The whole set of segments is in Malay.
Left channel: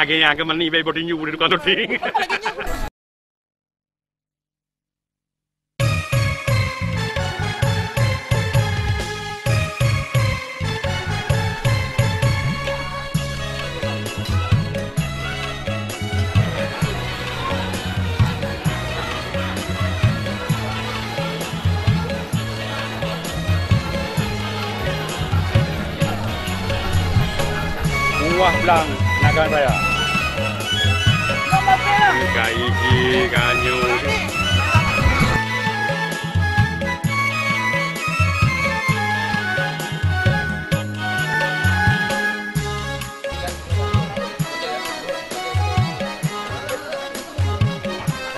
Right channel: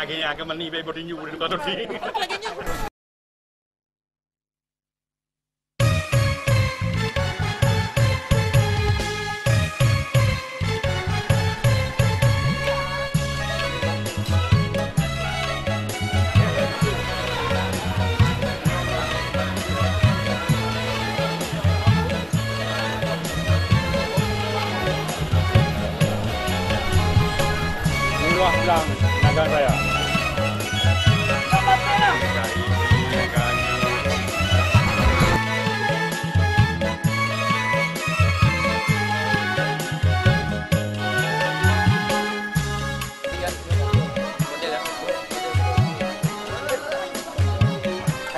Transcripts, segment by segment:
agak mani bayi body new di depan tu ding. Wah belang Nagan Raya. Iki kanyu.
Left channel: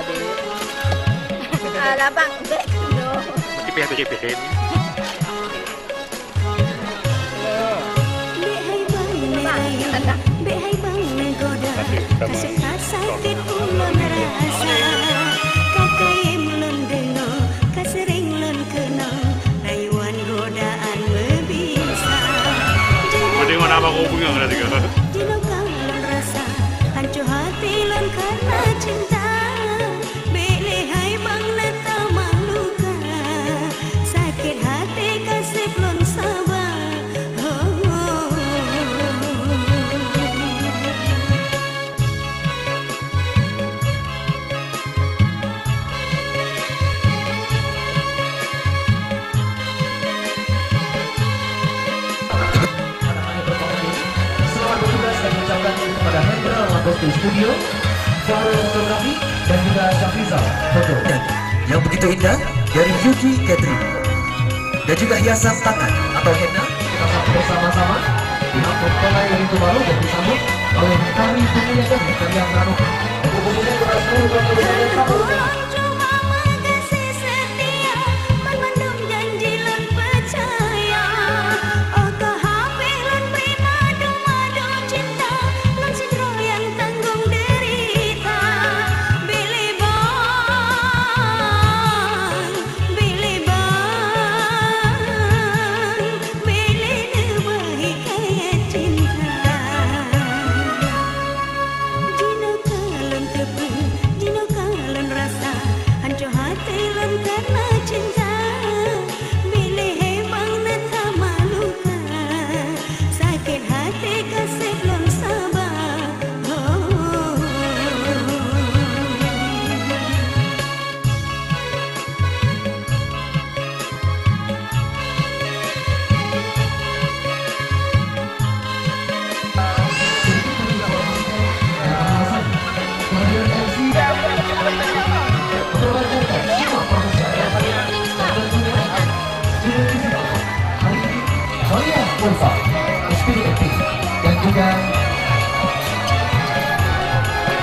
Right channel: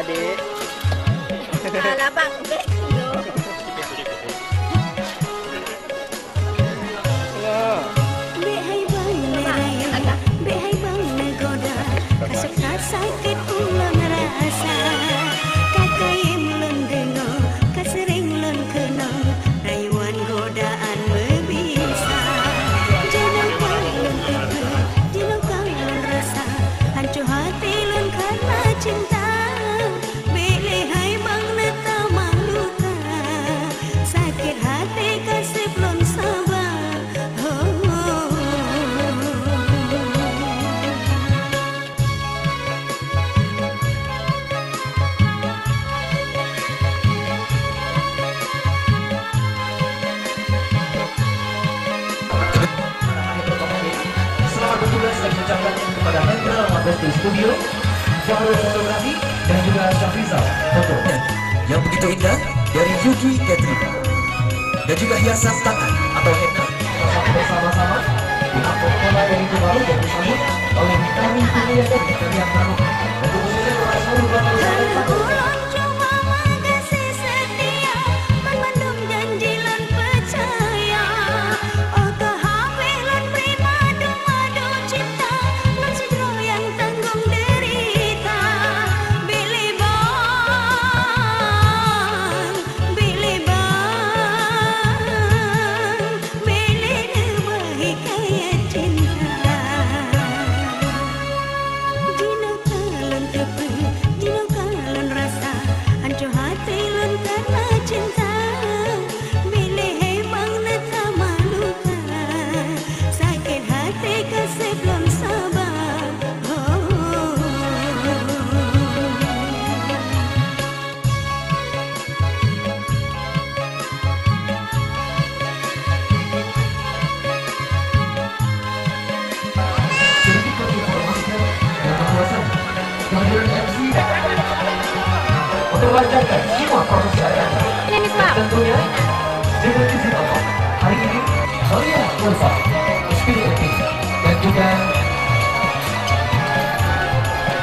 Adik. Ada bang. Cepet. Sakit ulang rasa kakek melon kena kesering lon kena haiwan godaan berbisa Ada mana apa kau punya kan? Dilukan rasa hancur hati lon karena cinta pilih hai bang leka maluka sakit hati kasih belum sabar di studio, fotografi dan juga Syafiza foto yang begitu indah dari Yuki Catering dan juga hiasan tangan atau henna bersama-sama dengan potongan yang begitu baru dan disambut oleh kami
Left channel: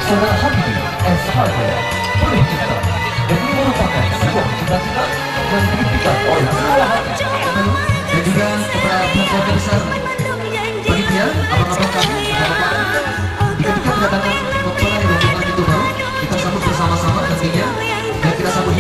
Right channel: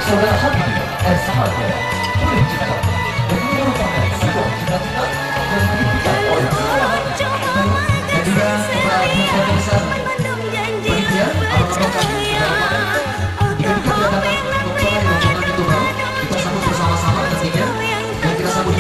sudah hadir dan sahabat dan juga beberapa besar begitu ya kita kedatangan dokter yang bukan itu kita sambut bersama-sama nantinya dan kita sambut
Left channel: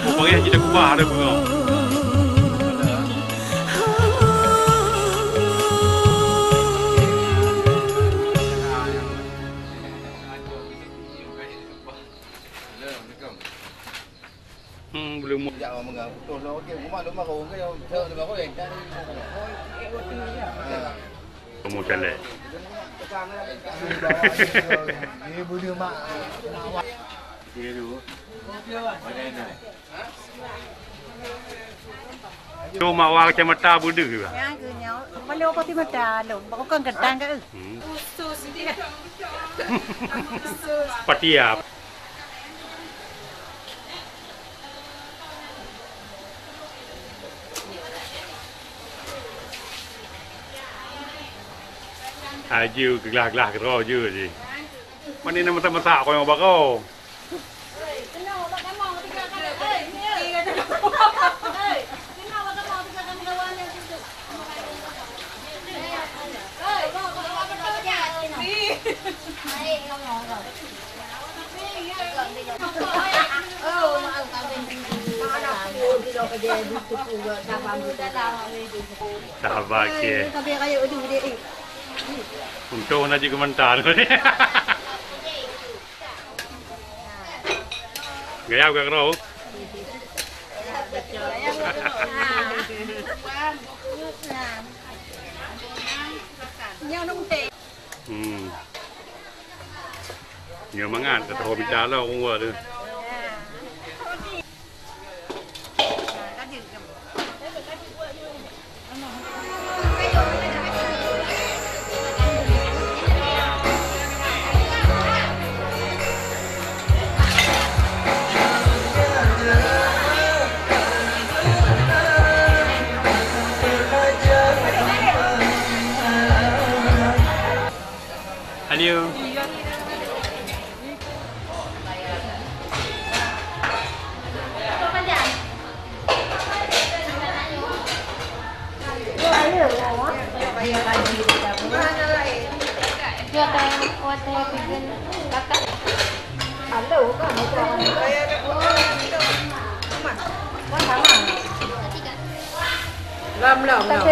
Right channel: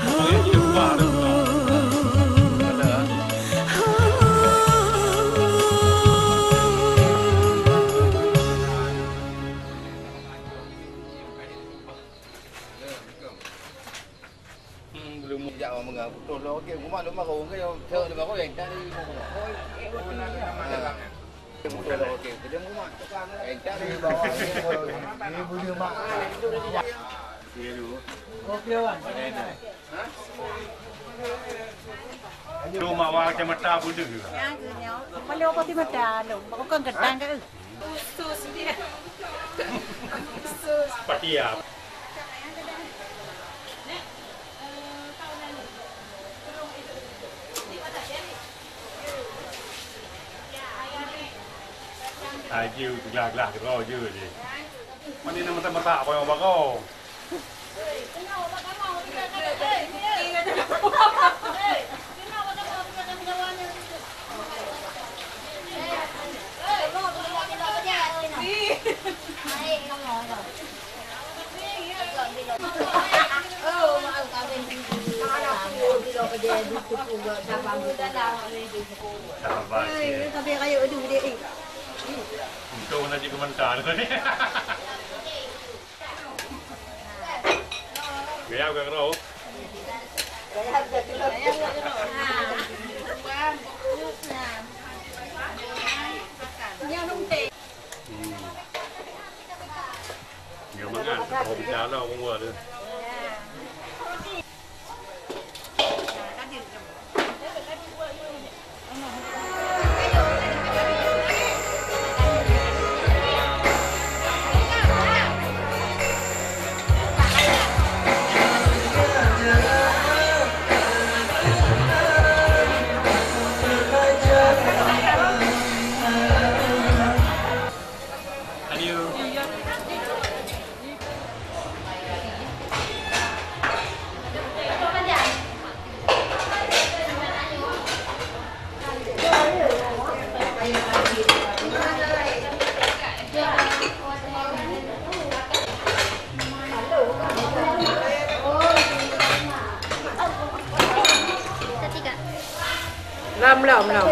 Pokoknya tidak ubah ada bunga. Belum. Dạ mà ngờ tôi lo cái cũng mà đúng mà cũng cái thợ thì mà có hiện ra đi Kemudian le. Ini boleh mak. Dia dulu. Kopi apa? Ada. Cuma awak macam mata budu ke? Yang kenyau. Beliau pasti macam lo. Baru kan gedang ke? Sus dia. Patiap. Aju gelah-gelah kerja je je. Mana ni mata-mata kau yang bakau? Sabar ke. Tapi kayu tu dia. Untung nak juga mentar ni. Gaya ke kerja? Yang nung teh. Nhiều món ăn, tại hồi mình đá đâu cũng vừa được. Hello. Lam lòng lòng.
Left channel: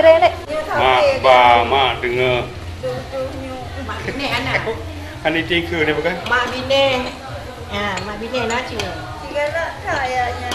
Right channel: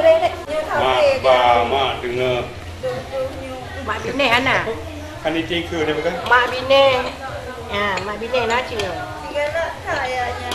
Mak, ba, mak dengar. Mak bine anak. Ani tingku ni bukan? Mak bine. Mak bine nak cio. Segala kayanya.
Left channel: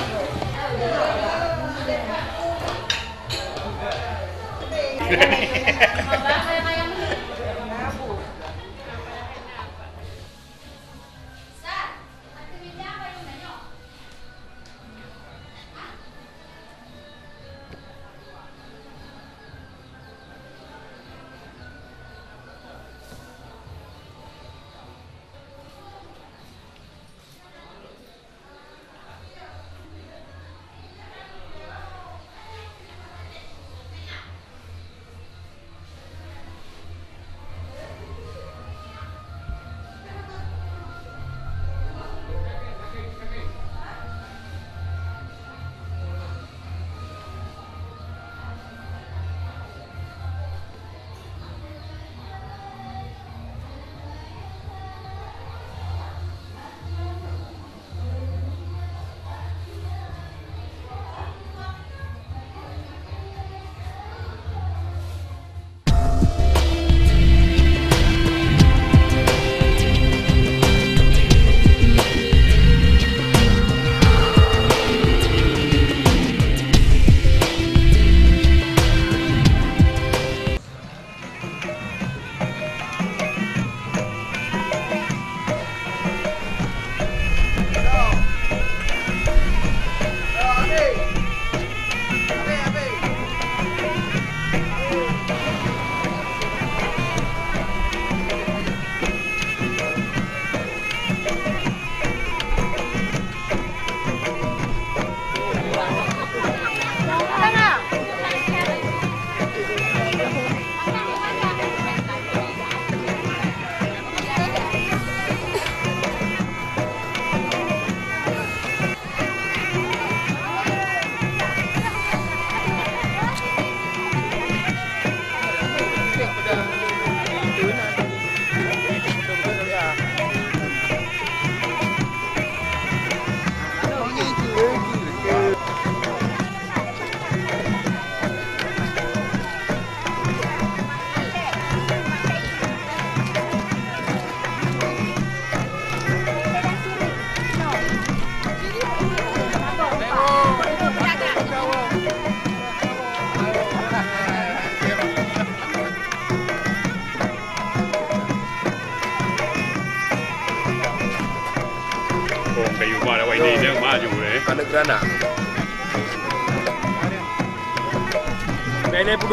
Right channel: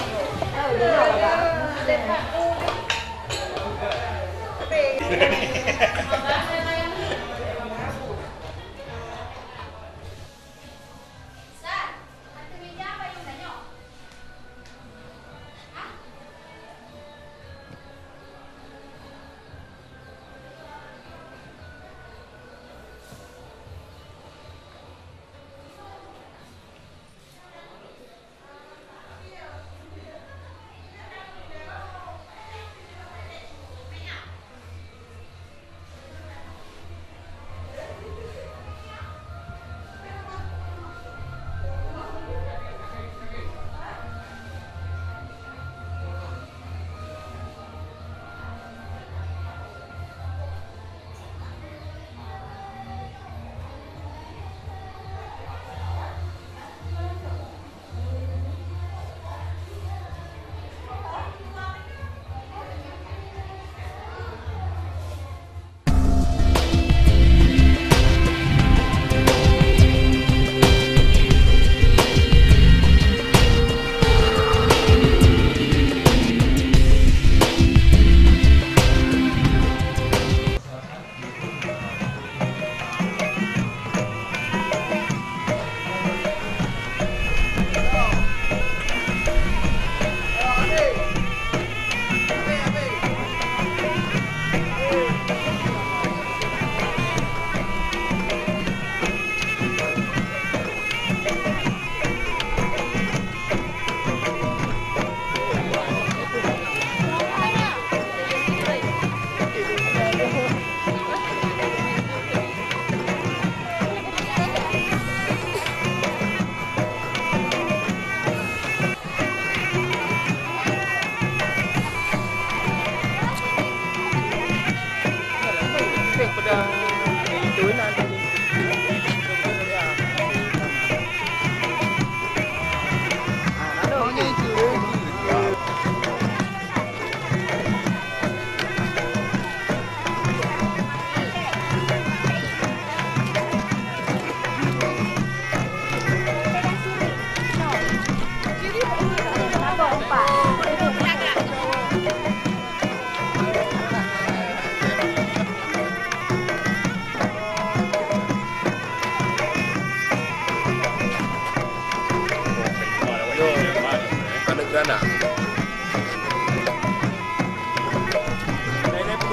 Kayu mana? Wah ini dia maju eh. Ada geranak.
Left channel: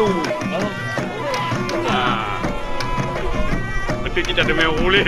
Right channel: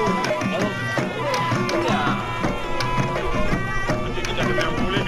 dulu. Nah, nanti kita demi boleh.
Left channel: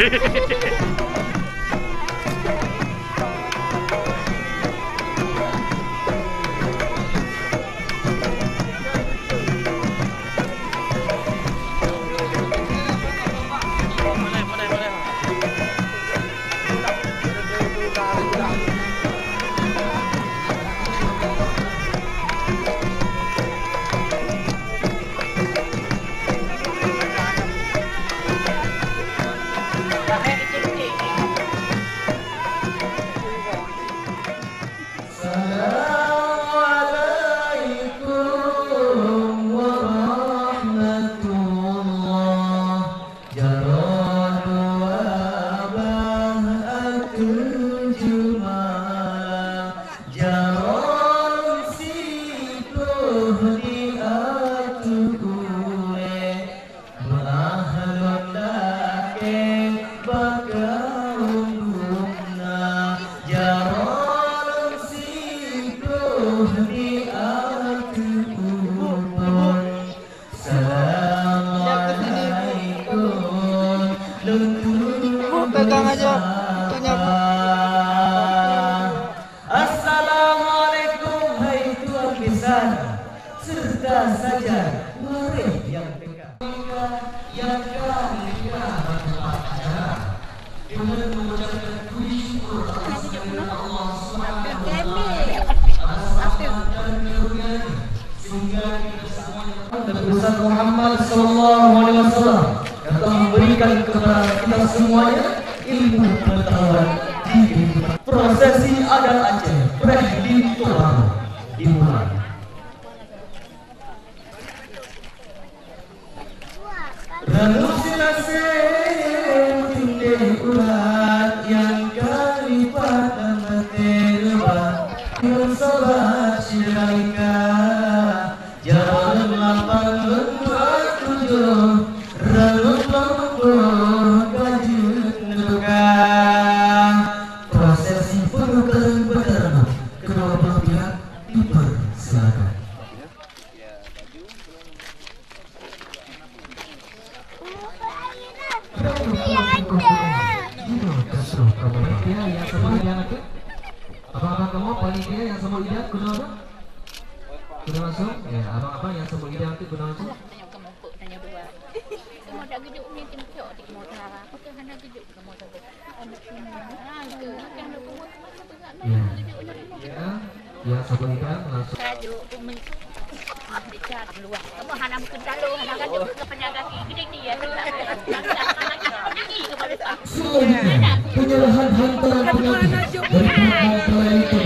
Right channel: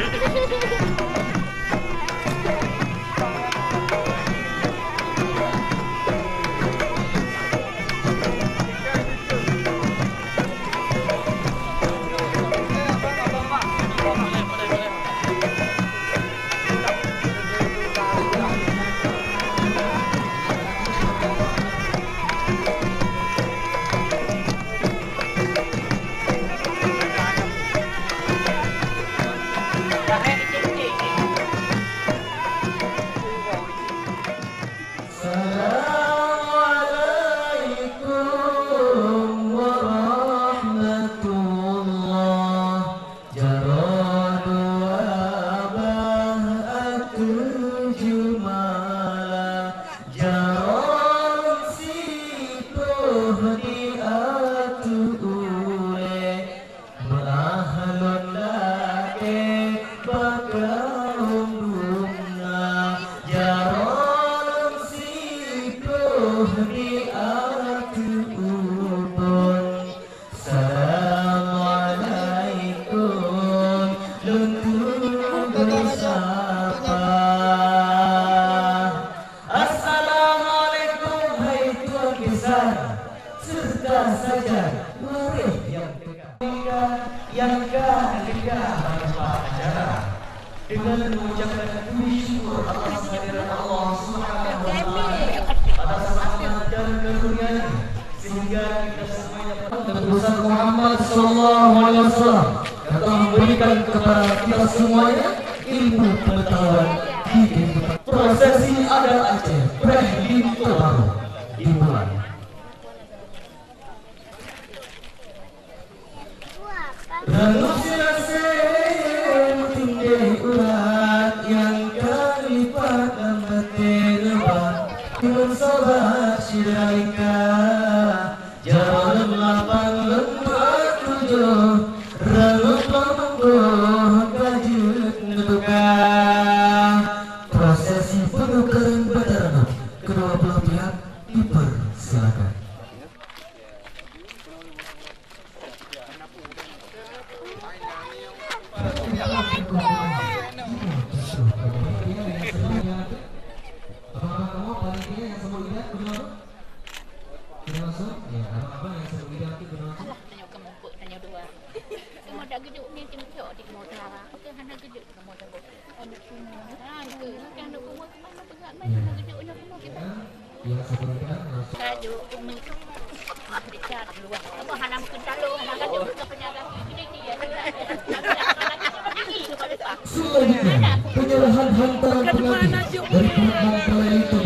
Muhammad sallallahu alaihi wasallam yang telah memberikan kepada kita semuanya ilmu pengetahuan di dunia. Prosesi adat Aceh berakhir dimulai. Yang kami pada menjelma bersobat syirika janganlah panggil kudung renungkan kejutan prosesi penukaran pertama kedua belah pihak dipersilakan. Abang-abang paling kira yang semua lihat guna apa? Guna masuk? Ya, abang-abang yang semua lihat itu guna apa? Hanya dua. Cuma tak gede punya tingkok di kota. Okey, hendak gede. Ya, yang semua lihat masuk. Bicara luas. Kamu halam kecalo, makan dia ke penjaga gede dia. Penyerahan hantaran pengantin dari pihak itu.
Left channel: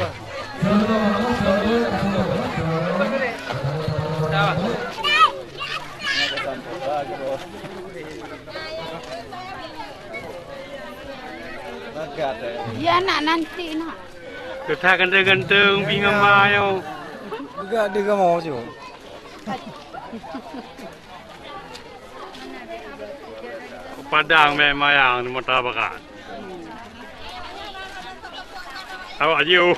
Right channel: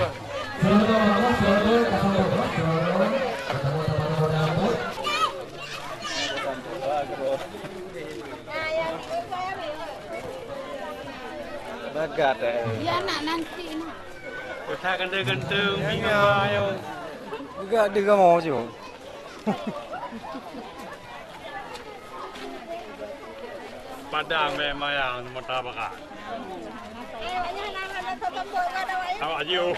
Ya nak nanti nak. Kita ganteng-ganteng bingung mayo. Juga dia kamu sih mau. Padang memang yang mutabakan. Awak jiu.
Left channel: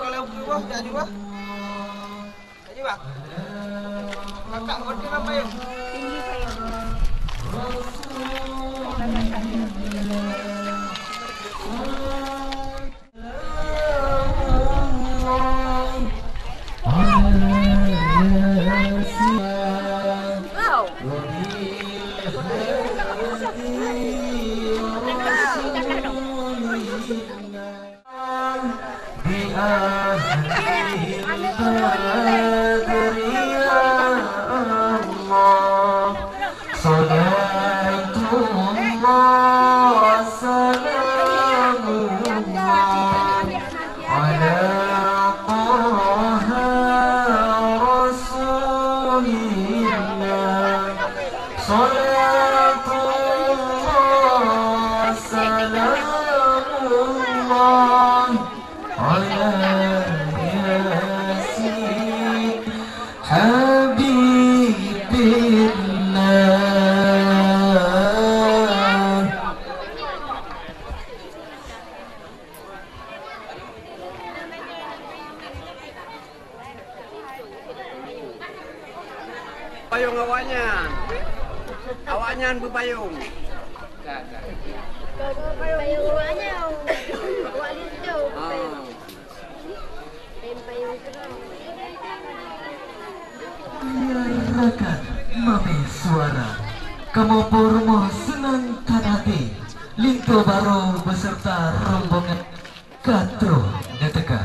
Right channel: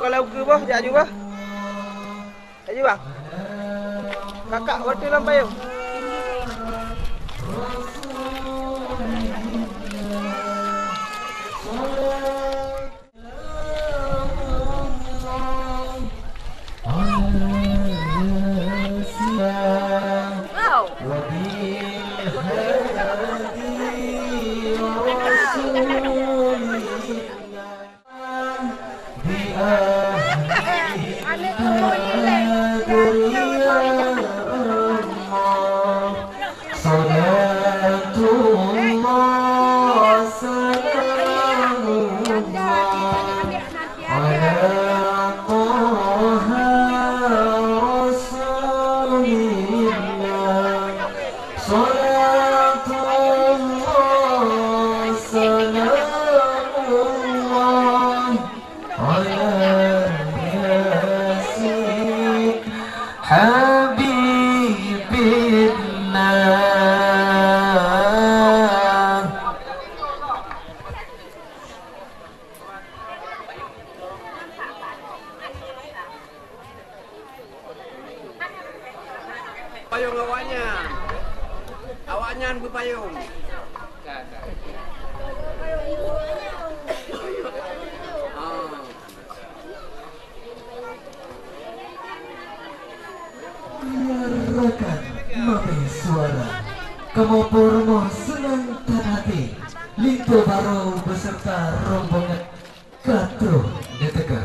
Kalau ke bawah, dia juga. Ayo bang. Kakak order dalam payung. Payung awaknya. Awaknya berpayung. Biarkan mami suara kamu pormo senang hati Linto baru beserta rombongan Katro Netega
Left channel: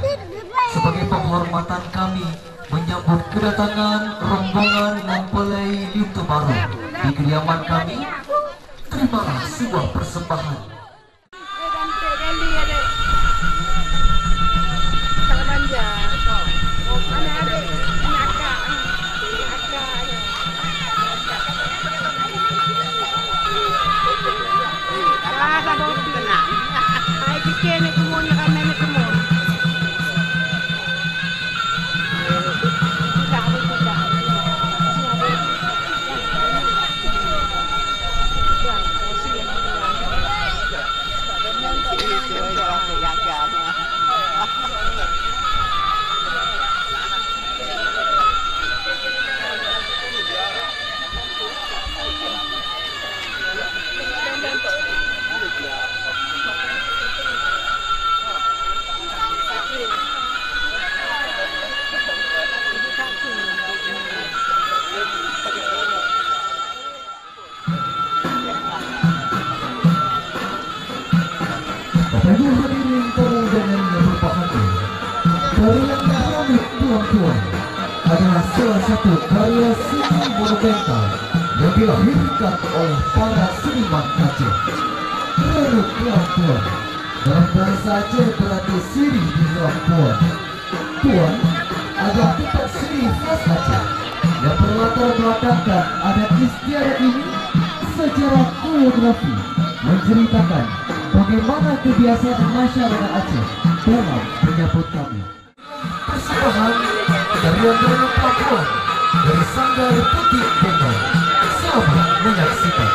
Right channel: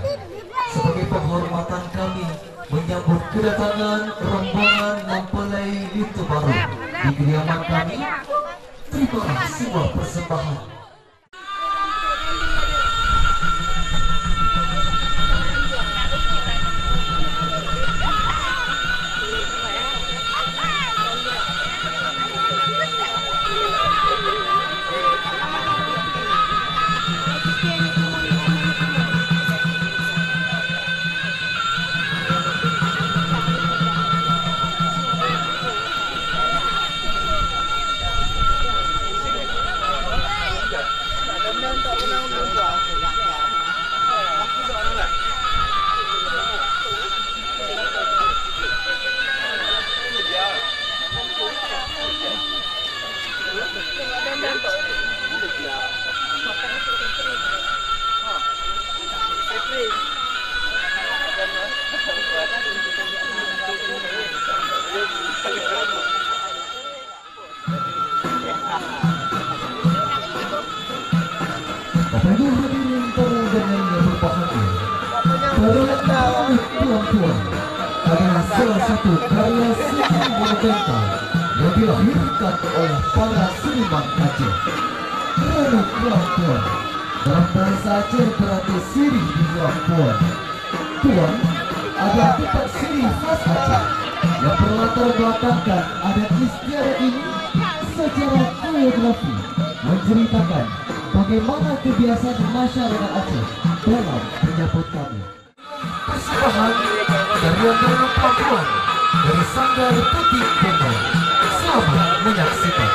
sebagai penghormatan kami menyambut kedatangan rombongan mempelai Linto baru di kediaman kami. Terima sebuah persembahan. Adalah salah satu karya monumental yang dilahirkan oleh para seniman Aceh. Menurut Tuan dalam bahasa Aceh berarti siri di sebelah Tuan. Tuan ada kitab siri khas Aceh yang berlatar belakangkan adat istiadat ini secara geografi menceritakan bagaimana kebiasaan masyarakat Aceh dalam menyambut kami. Dari rombongan Papua dari Sanggar Putih Bumi, selamat menyaksikan.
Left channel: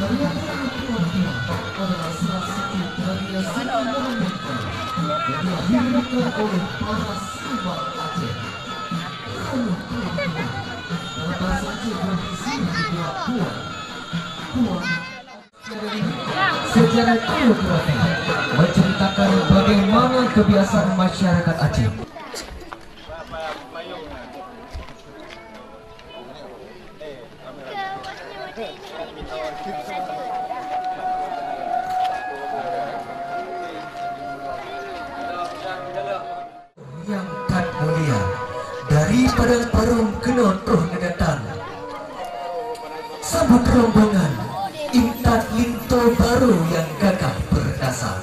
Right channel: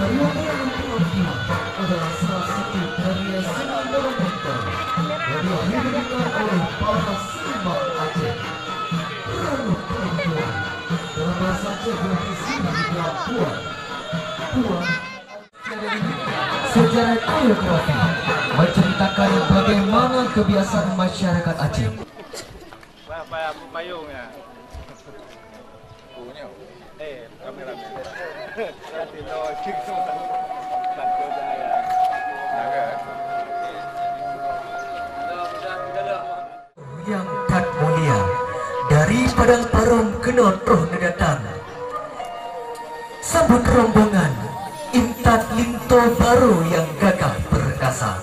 Perayaan Perwakilan adalah salah satu dari yang sangat monumenter yang dilahirkan oleh para seniman Aceh. Lalu perempuan, berapa saja berisi dunia kuat. Sejarah Koreografi menceritakan bagaimana kebiasaan masyarakat Aceh. Yang tak mulia dari Padang Parom Kenot Roh Nedatan, sambut rombongan Intat Linto Baru yang gagah perkasa.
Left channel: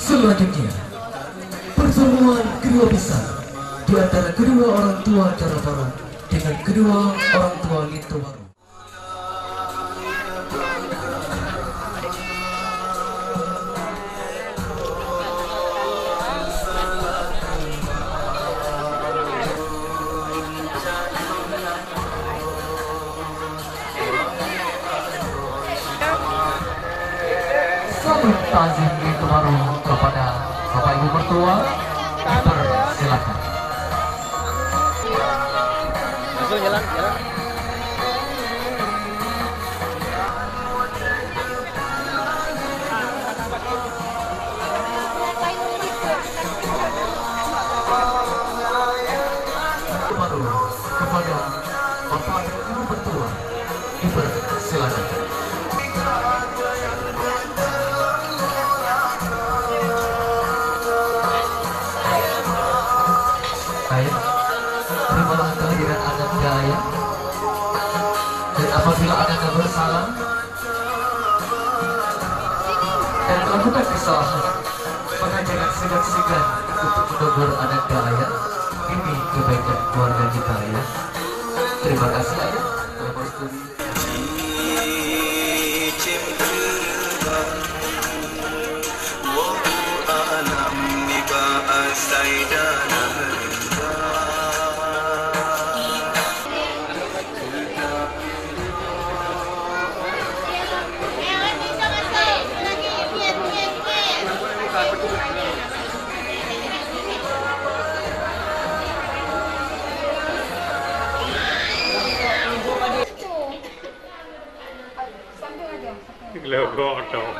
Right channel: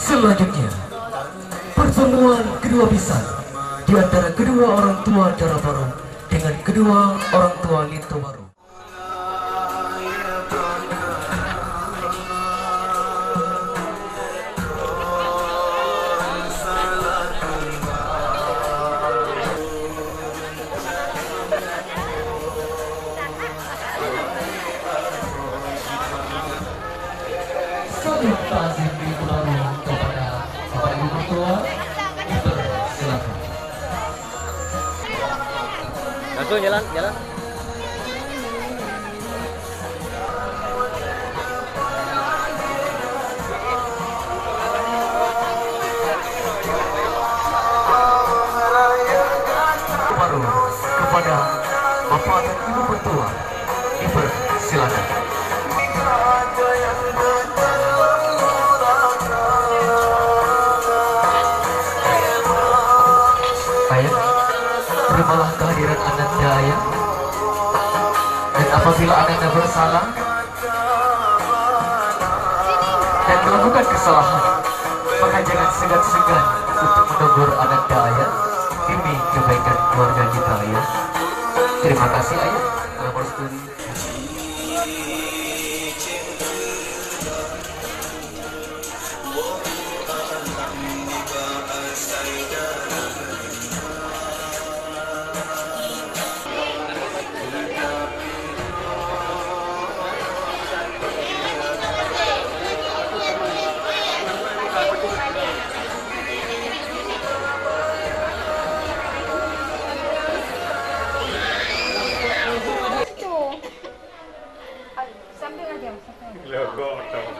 Selanjutnya pertemuan kedua besar di antara kedua orang tua Dara Baru dengan kedua orang tua Linto Baru. Salam takzim Linto Baru kepada Bapak Ibu Mertua. Silakan. Langsung jalan, jalan. Baru kepada Bapak dan Ibu Mertua. Silakan. Baik, terimalah kehadiran Ananda ya. Dan apabila Ananda bersalah dan melakukan kesalahan, maka jangan segan-segan untuk menegur Ananda ya. Demi kebaikan keluarga kita ya. Terima kasih ayah. Selamat studi. Legok dong.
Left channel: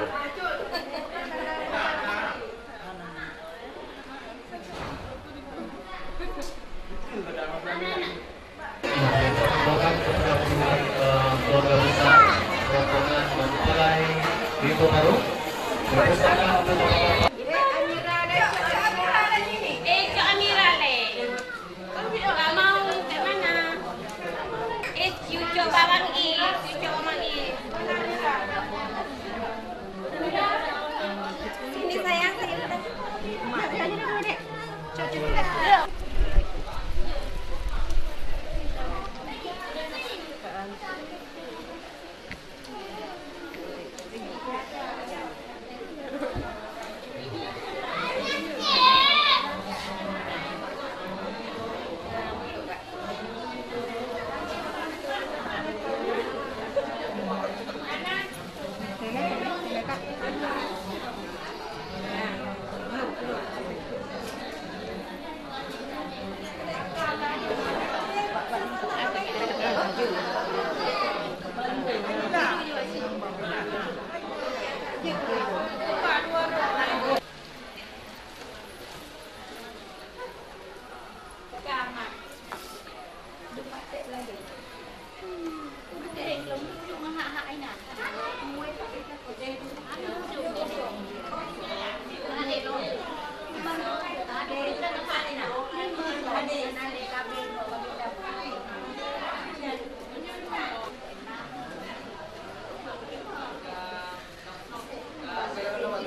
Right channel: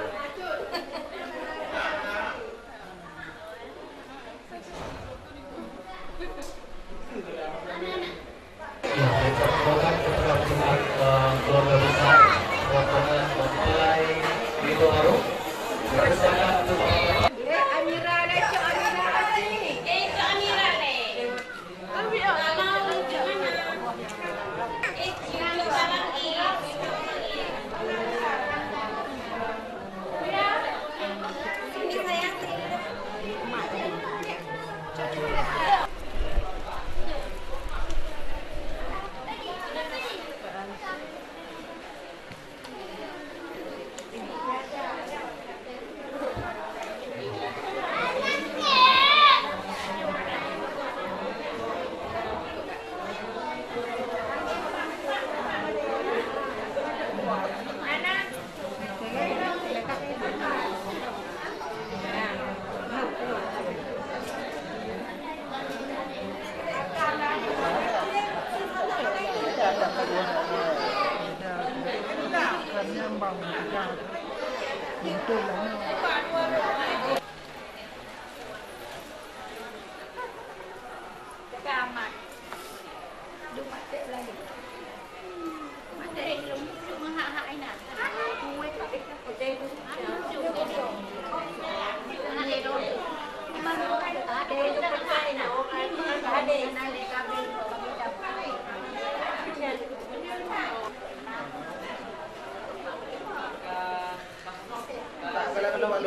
Silakan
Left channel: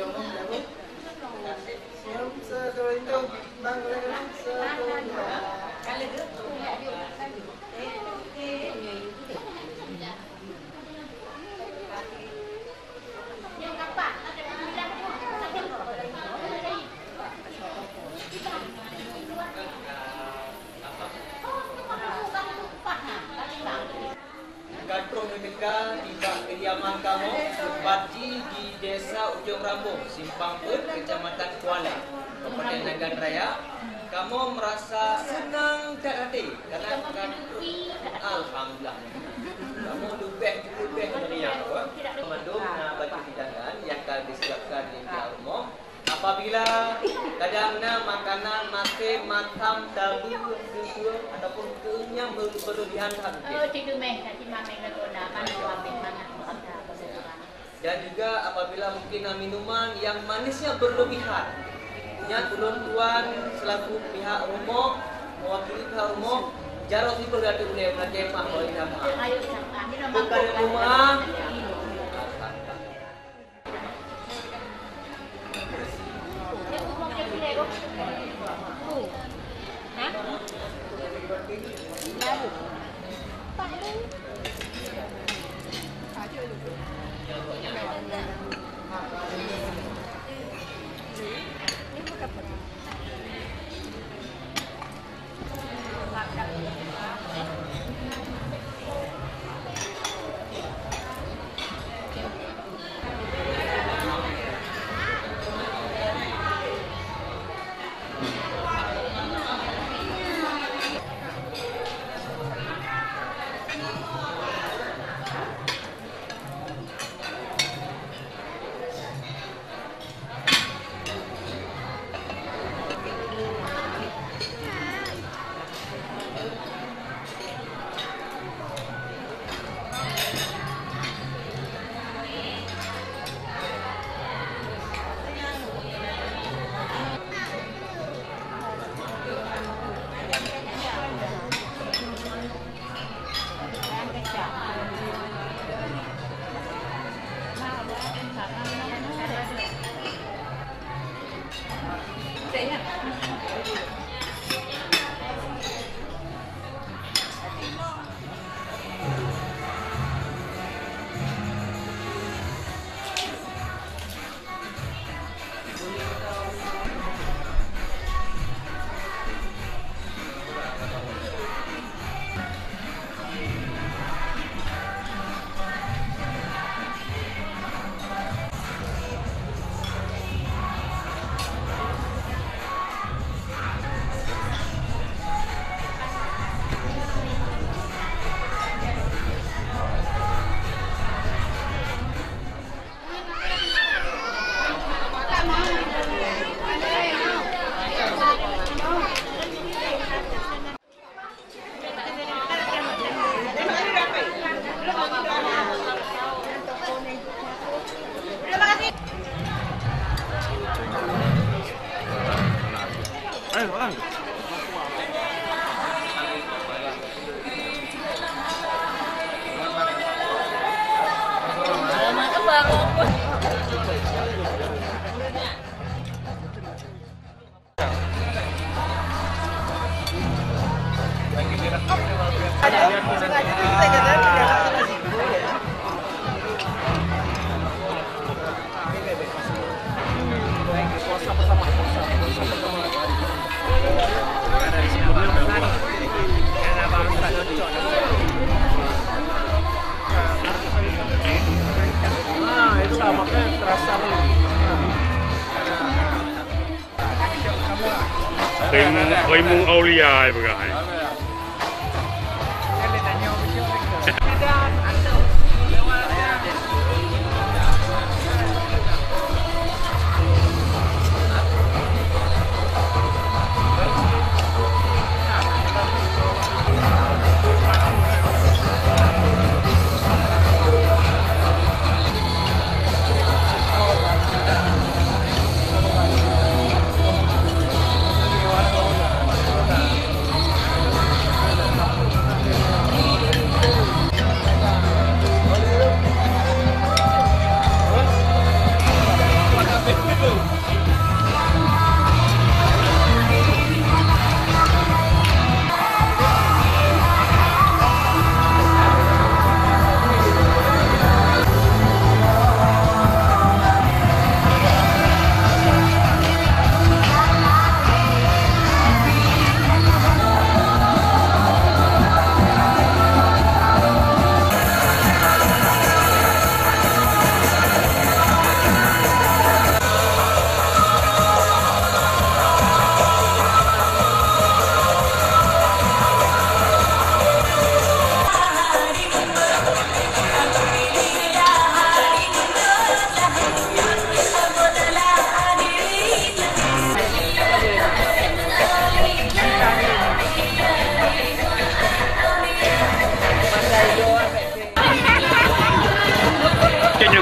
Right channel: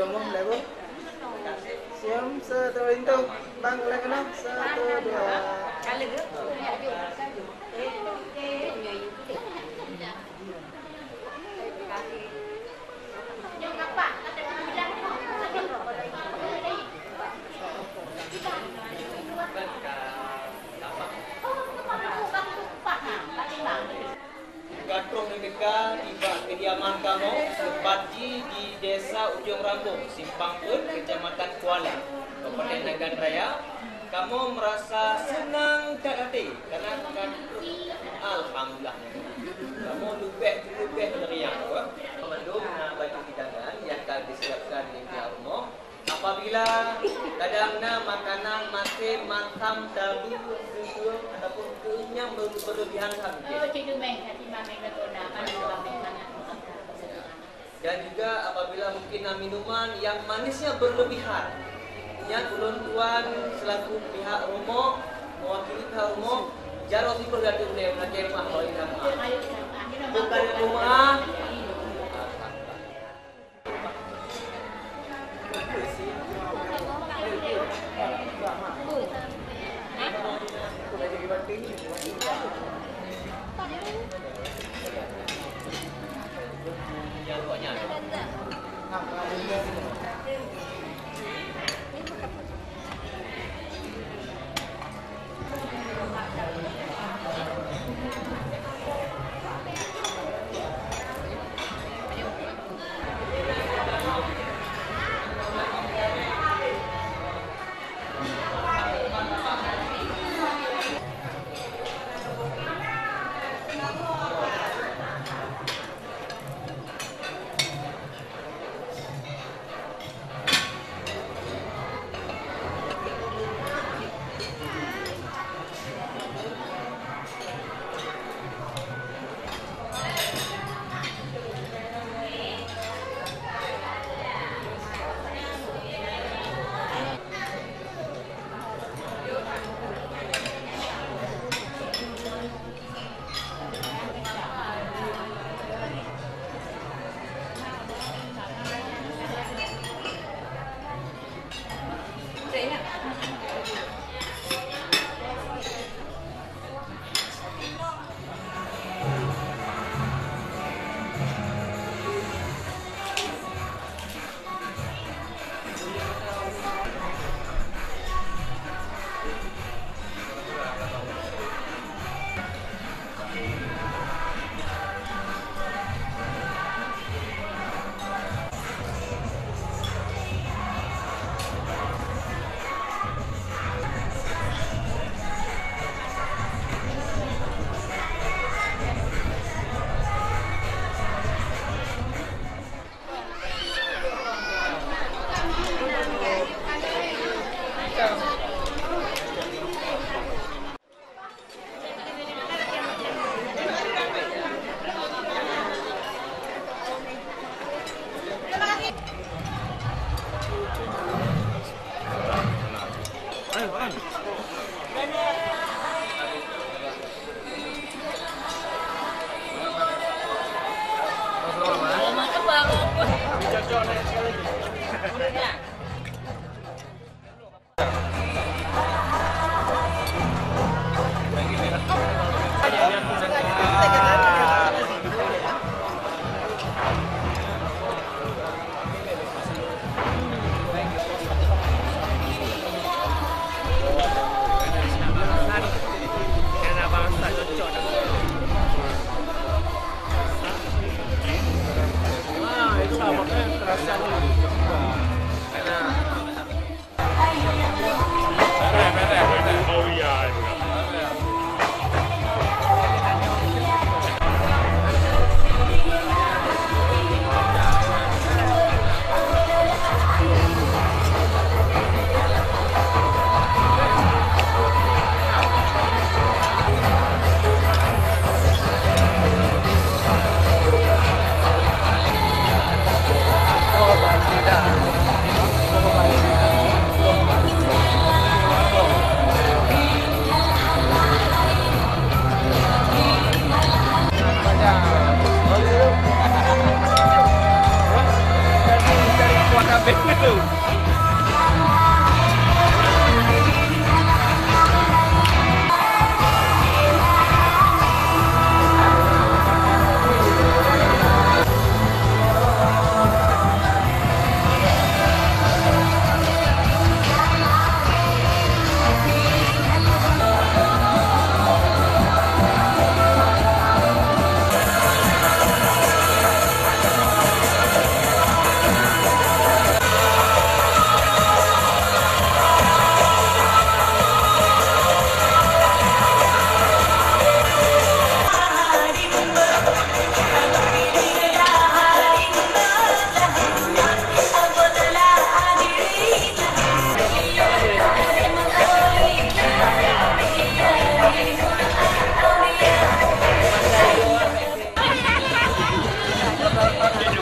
kediaman kamu Bupati di Desa Ujung Rambut, Simpang Put, Kecamatan Kuala, Kabupaten Nagan Raya. Kamu merasa senang dan hati karena alhamdulillah. Kamu lebih meriah buat belum menambah hidangan yang akan disiapkan di kamu. Apabila kadang-kadang makanan masih matang dahulu berdua ataupun yang berlebihan dan juga apabila mungkin minuman yang manisnya berlebihan, yang tuan-tuan selaku pihak rumah mewakili pihak rumah jarang itu dari beliau bagi emak oleh nama bukan rumah. Mung Aulia begitu.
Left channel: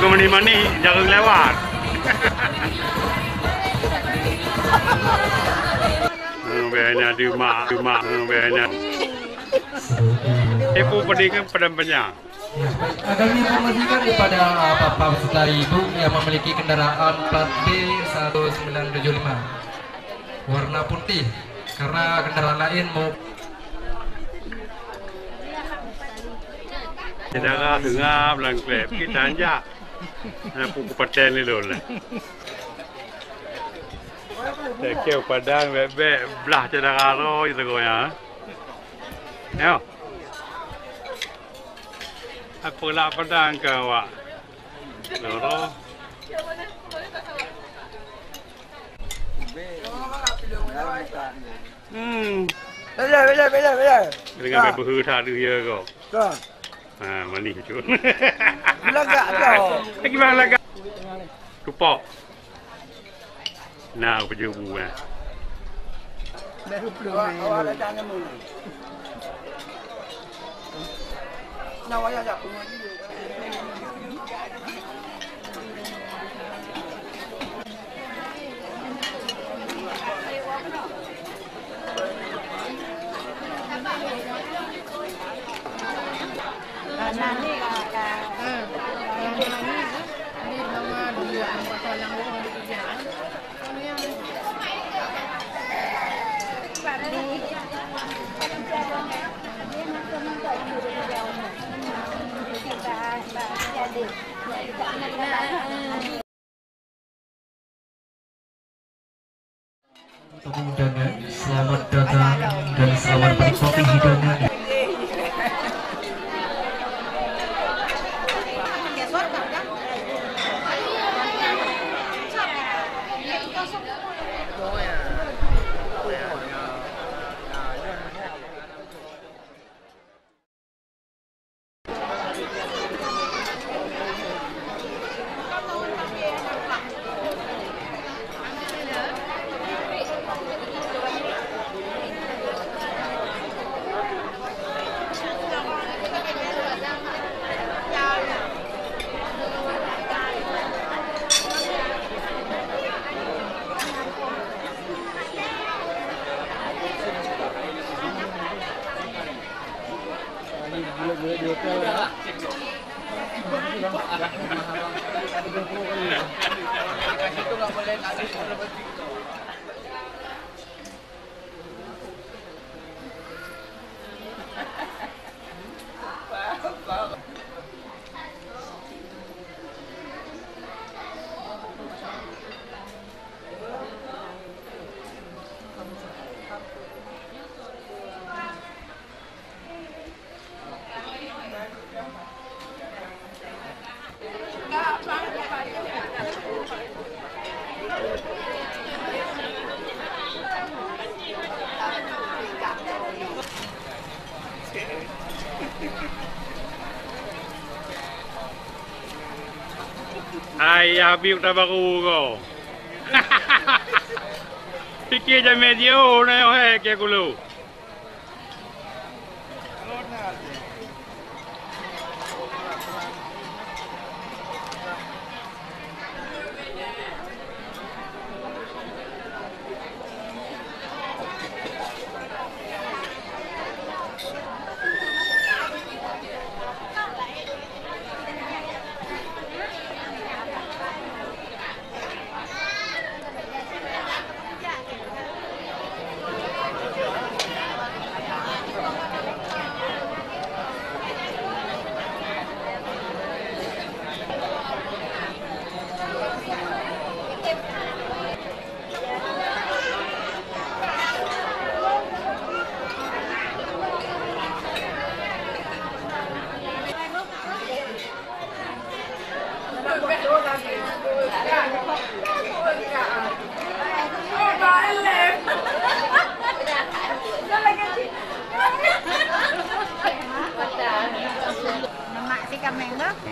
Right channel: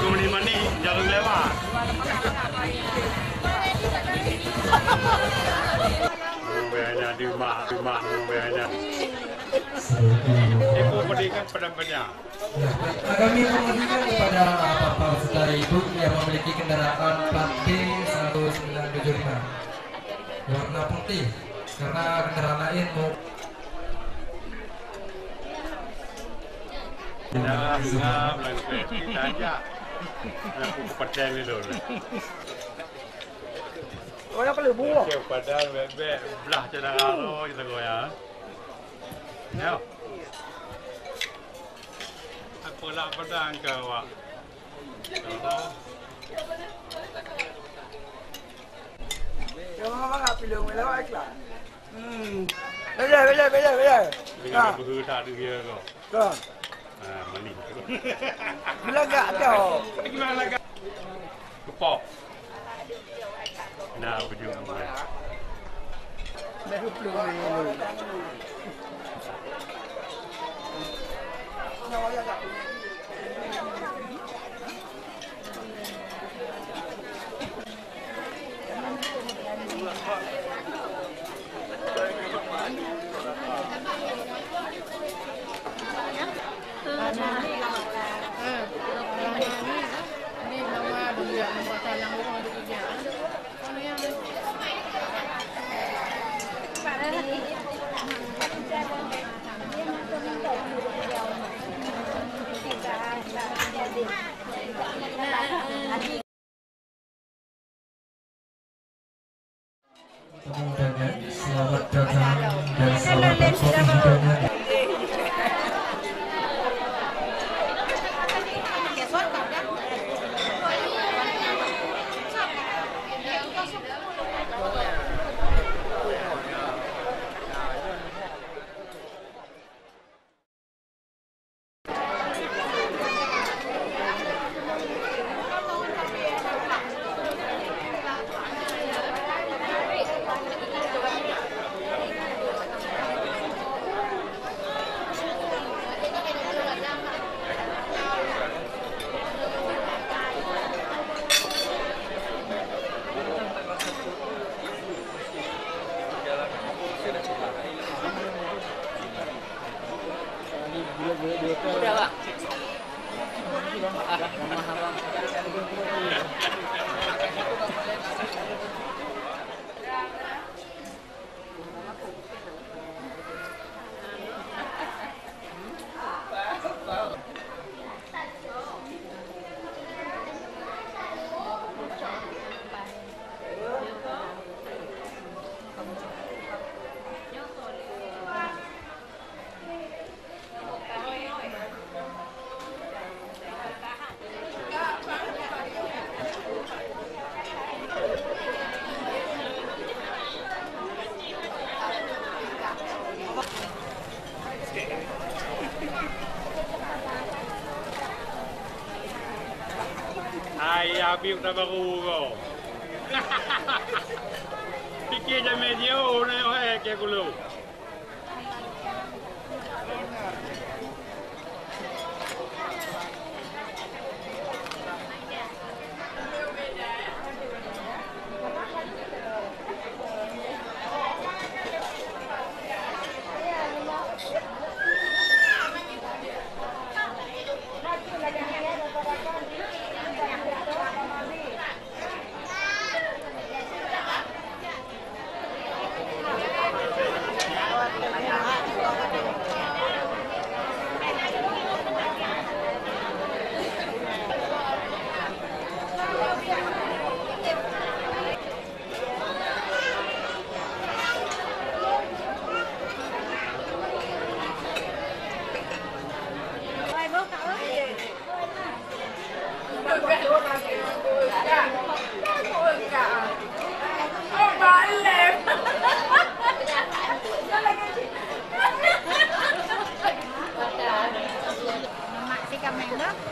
ke mani-mani, jangan lewat. Banyak di rumah, banyak. Ibu pendidikan pada banyak. Kami informasikan kepada Bapak Saudari Ibu yang memiliki kendaraan plat B1975 warna putih, karena kendaraan lain mau tidak ngap langkah kita aja. Aku kepaten ni dulu. Kau padang bebek belah cina karo itu kau ya. Yo. Apa nak padang kau awak? Loro. Bela. Dengan bebu tak ada ya kau. Mani tu. Lagak kau. Gimana lagak? Tupok. Nah, berjumpa. undangan, selamat datang dan selamat berkopi hidangan. Ayah Habib dah baru kau. Fikir je media ni ke aku.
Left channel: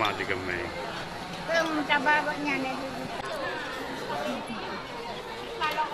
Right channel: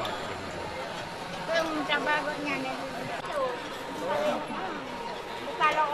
Mati kami. Kalau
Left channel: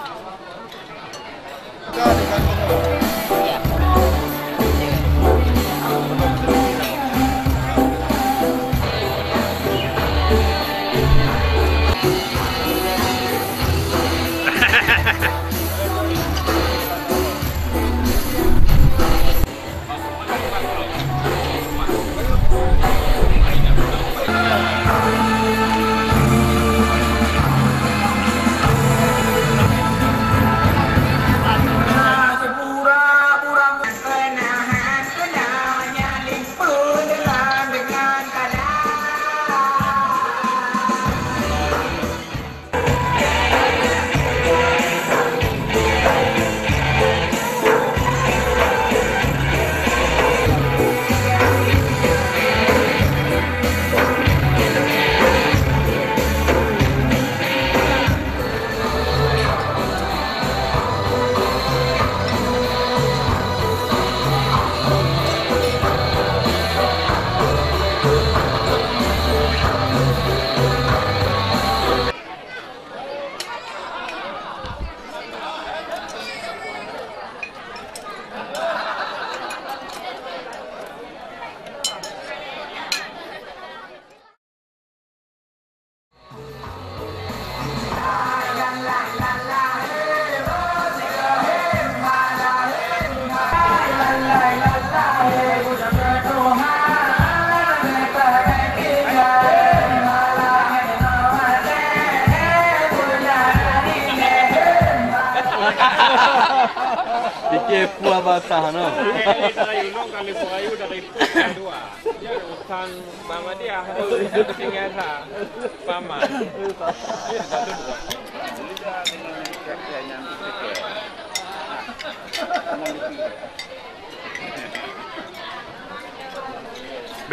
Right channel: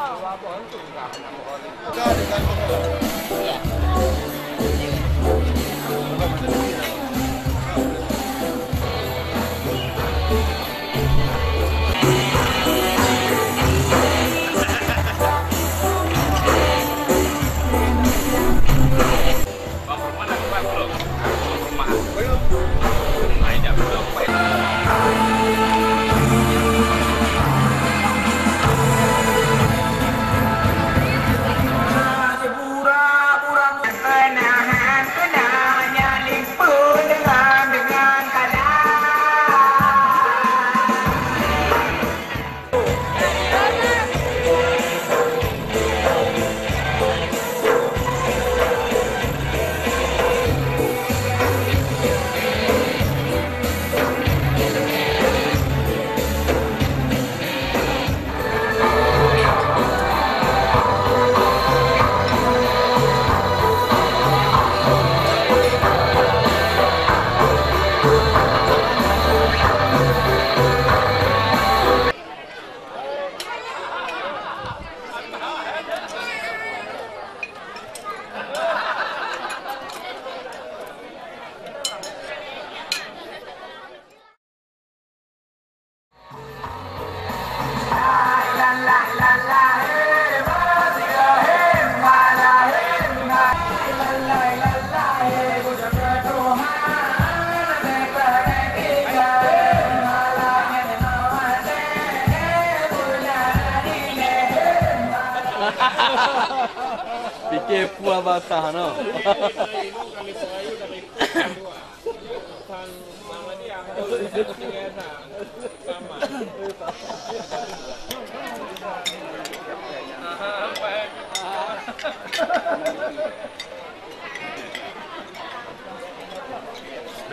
Mula basah mana?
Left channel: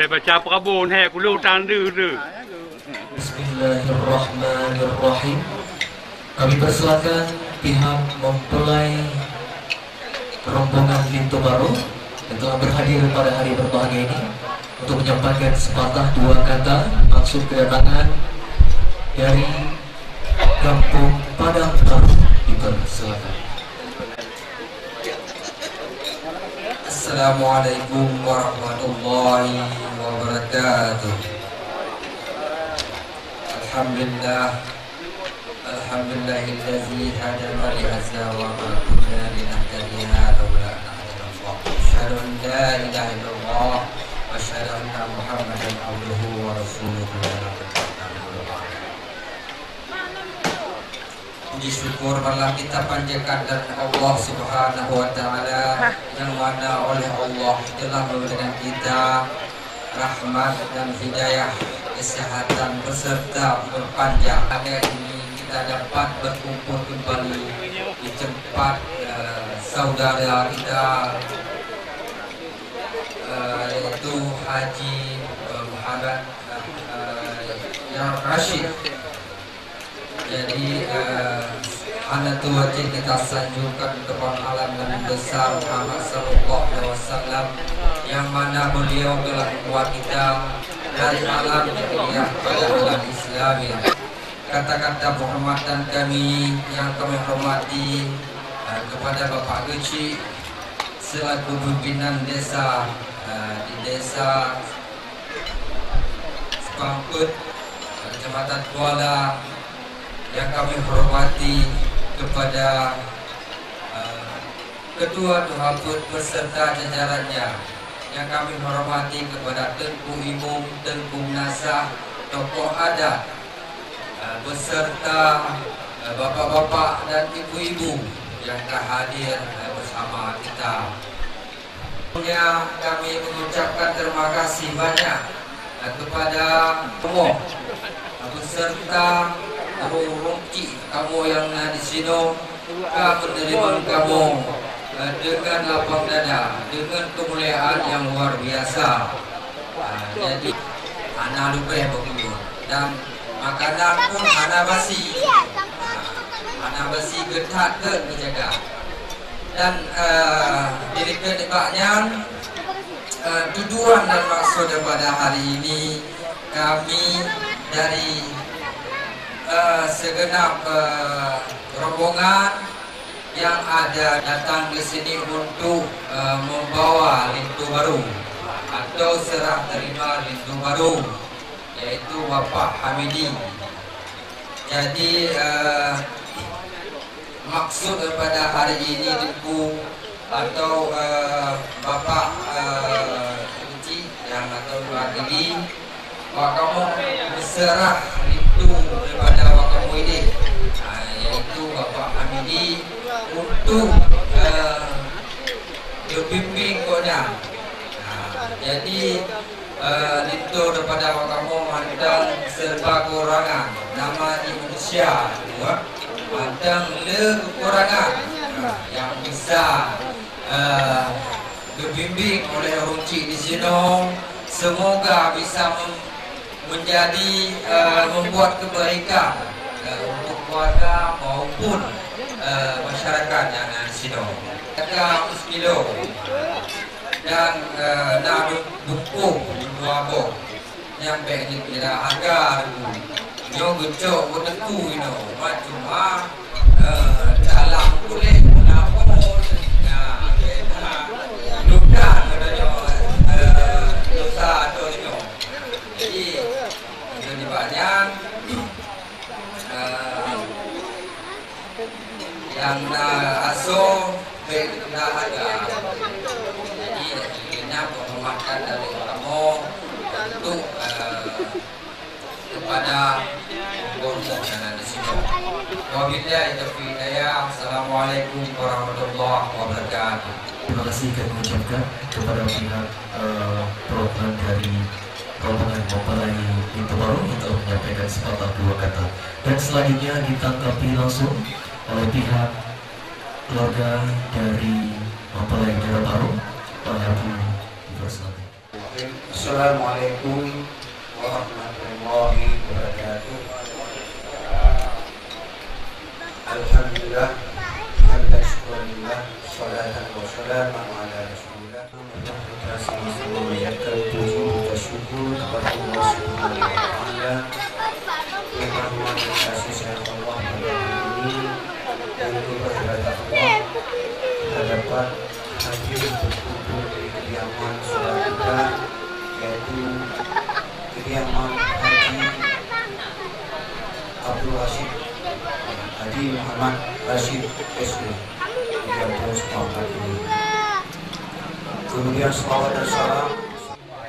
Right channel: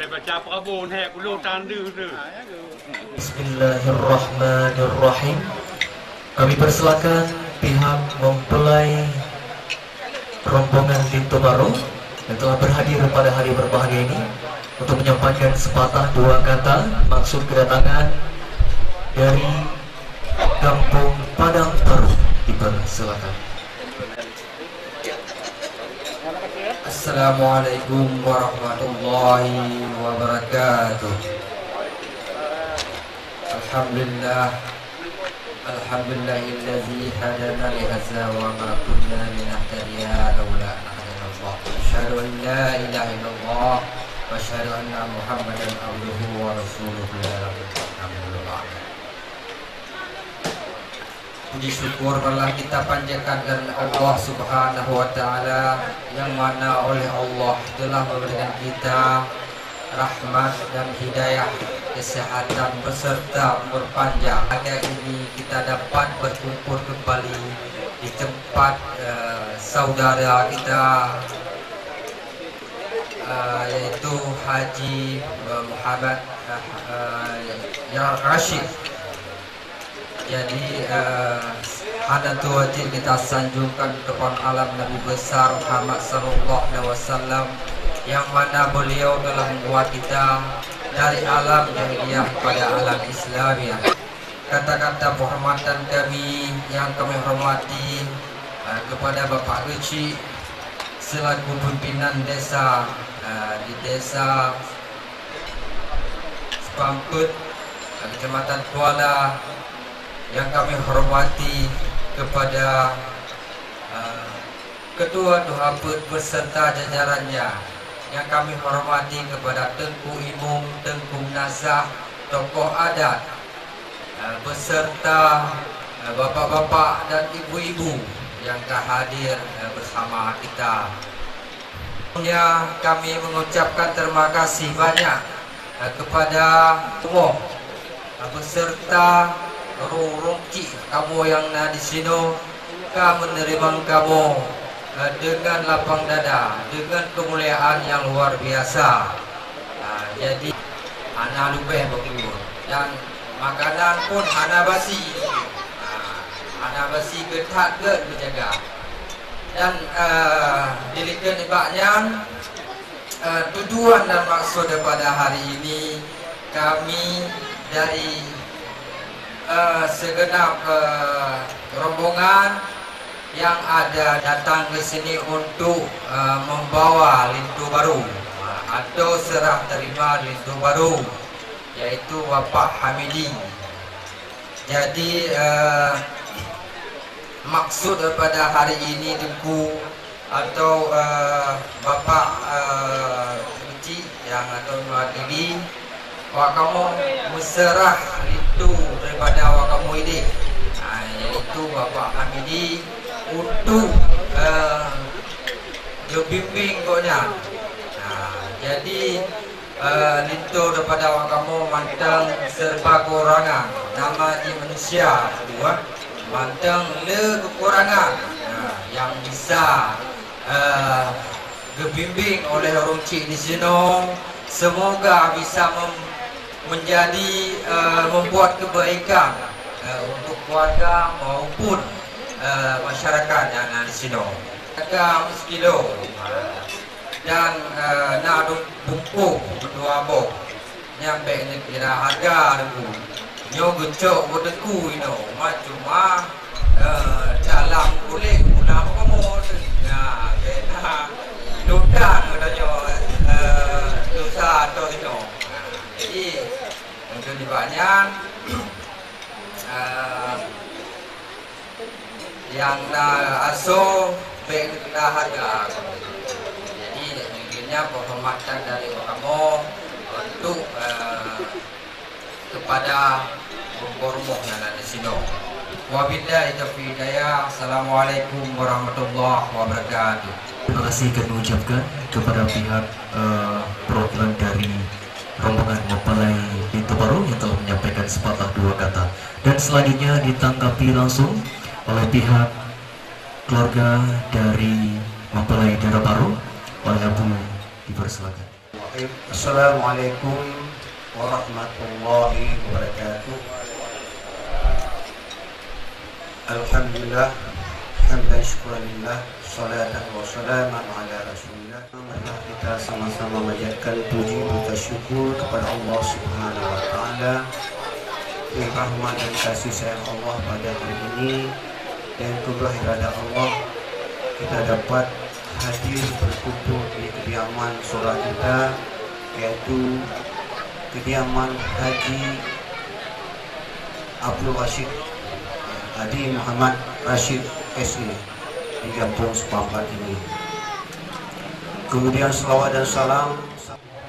Baca perabun hek pulau tandu tu. Bismillahirrahmanirrahim. Kami persilakan pihak mempelai rombongan Pintu Baru yang telah berhadir pada hari berbahagia ini untuk menyampaikan sepatah dua kata maksud kedatangan dari Kampung Padang Baru. Dipersilakan. Assalamualaikum warahmatullahi wabarakatuh. Alhamdulillahilladzi hadana li hadza wa ma kunna linahtadiya laula an hadana Allah. Asyhadu an la ilaha illallah wa asyhadu anna Muhammadan abduhu wa rasuluhu. Puji syukur malah kita panjatkan dan Allah Subhanahu wa taala yang mana oleh Allah telah memberikan kita rahmat dan hidayah, kesehatan beserta berpanjang. Hanya ini kita dapat berkumpul kembali di tempat saudara kita yaitu Haji Muhammad Rashid. Jadi Hanatu wajib kita sanjungkan kepada alam Nabi besar Muhammad sallallahu alaihi wasallam yang mana beliau telah membuat kita dari alam jahiliyah pada alam Islamiyah. Kata-kata penghormatan kami yang kami hormati kepada Bapak Luci selaku pimpinan desa di desa Sepamput, Kecamatan Kuala, yang kami hormati kepada Ketua Duhabut beserta jajarannya, yang kami hormati kepada Tengku Ibu, Tengku Nasah, tokoh adat, beserta bapak-bapak dan ibu-ibu yang telah hadir bersama kita. Kami mengucapkan terima kasih banyak kepada Allah beserta Ruki kamu yang di sini, kami menerima kamu dengan lapang dada, dengan kemuliaan yang luar biasa. Jadi anak lupa ya begitu, dan makanan pun anak basi getak dijaga. Dan dirikan debaknya tujuan dan maksud pada hari ini kami dari segenap rombongan yang ada datang ke sini untuk membawa lintu baru atau serah terima lintu baru, yaitu Bapak Hamidi. Jadi maksud daripada hari ini lintu atau Bapak Uci yang atau mewakili kamu berserah lintu daripada kamu ini, yaitu Bapak Hamidi untuk berbimbing koknya. Jadi lintu daripada kamu mantang serba kekurangan, nama di manusia dua mantang le kekurangan yang bisa berbimbing oleh Ruci di sini. Semoga bisa menjadi membuat kebaikan untuk keluarga maupun masyarakat yang ada di sini. Kita miskilo dan nak dukung dua bo yang banyak kira agar yo gencok berdeku ini macam dalam kulit pulang kamu nah kita dokan dari dosa dosa. Jadi dengan banyak yang asuh berdahaga. Jadi inginnya menghormatkan dari kamu untuk kepada keluarga yang ada di sini. Wabillahi taufiq hidayah. Assalamualaikum warahmatullahi wabarakatuh. Terima kasih kami ucapkan kepada pihak program dari rombongan mempelai pintu baru yang telah menyampaikan sepatah dua kata. Dan selanjutnya ditanggapi langsung oleh pihak keluarga dari mempelai Merah Baru. Pak Abu dipersilakan. Assalamualaikum warahmatullahi wabarakatuh. Alhamdulillah, hamdan syukurillah, salatan wa salaman ala rasulillah. Kita sama-sama menyampaikan puji dan syukur kepada Allah Subhanahu wa taala yang rahmat dan kasih sayang Allah pada hari ini, dan itulah kepada Allah kita dapat hadir berkumpul di kediaman saudara kita, yaitu kediaman Haji Abdul Rashid Hadi Muhammad Rashid SU di kampung Sepakat ini. Kemudian salawat dan salam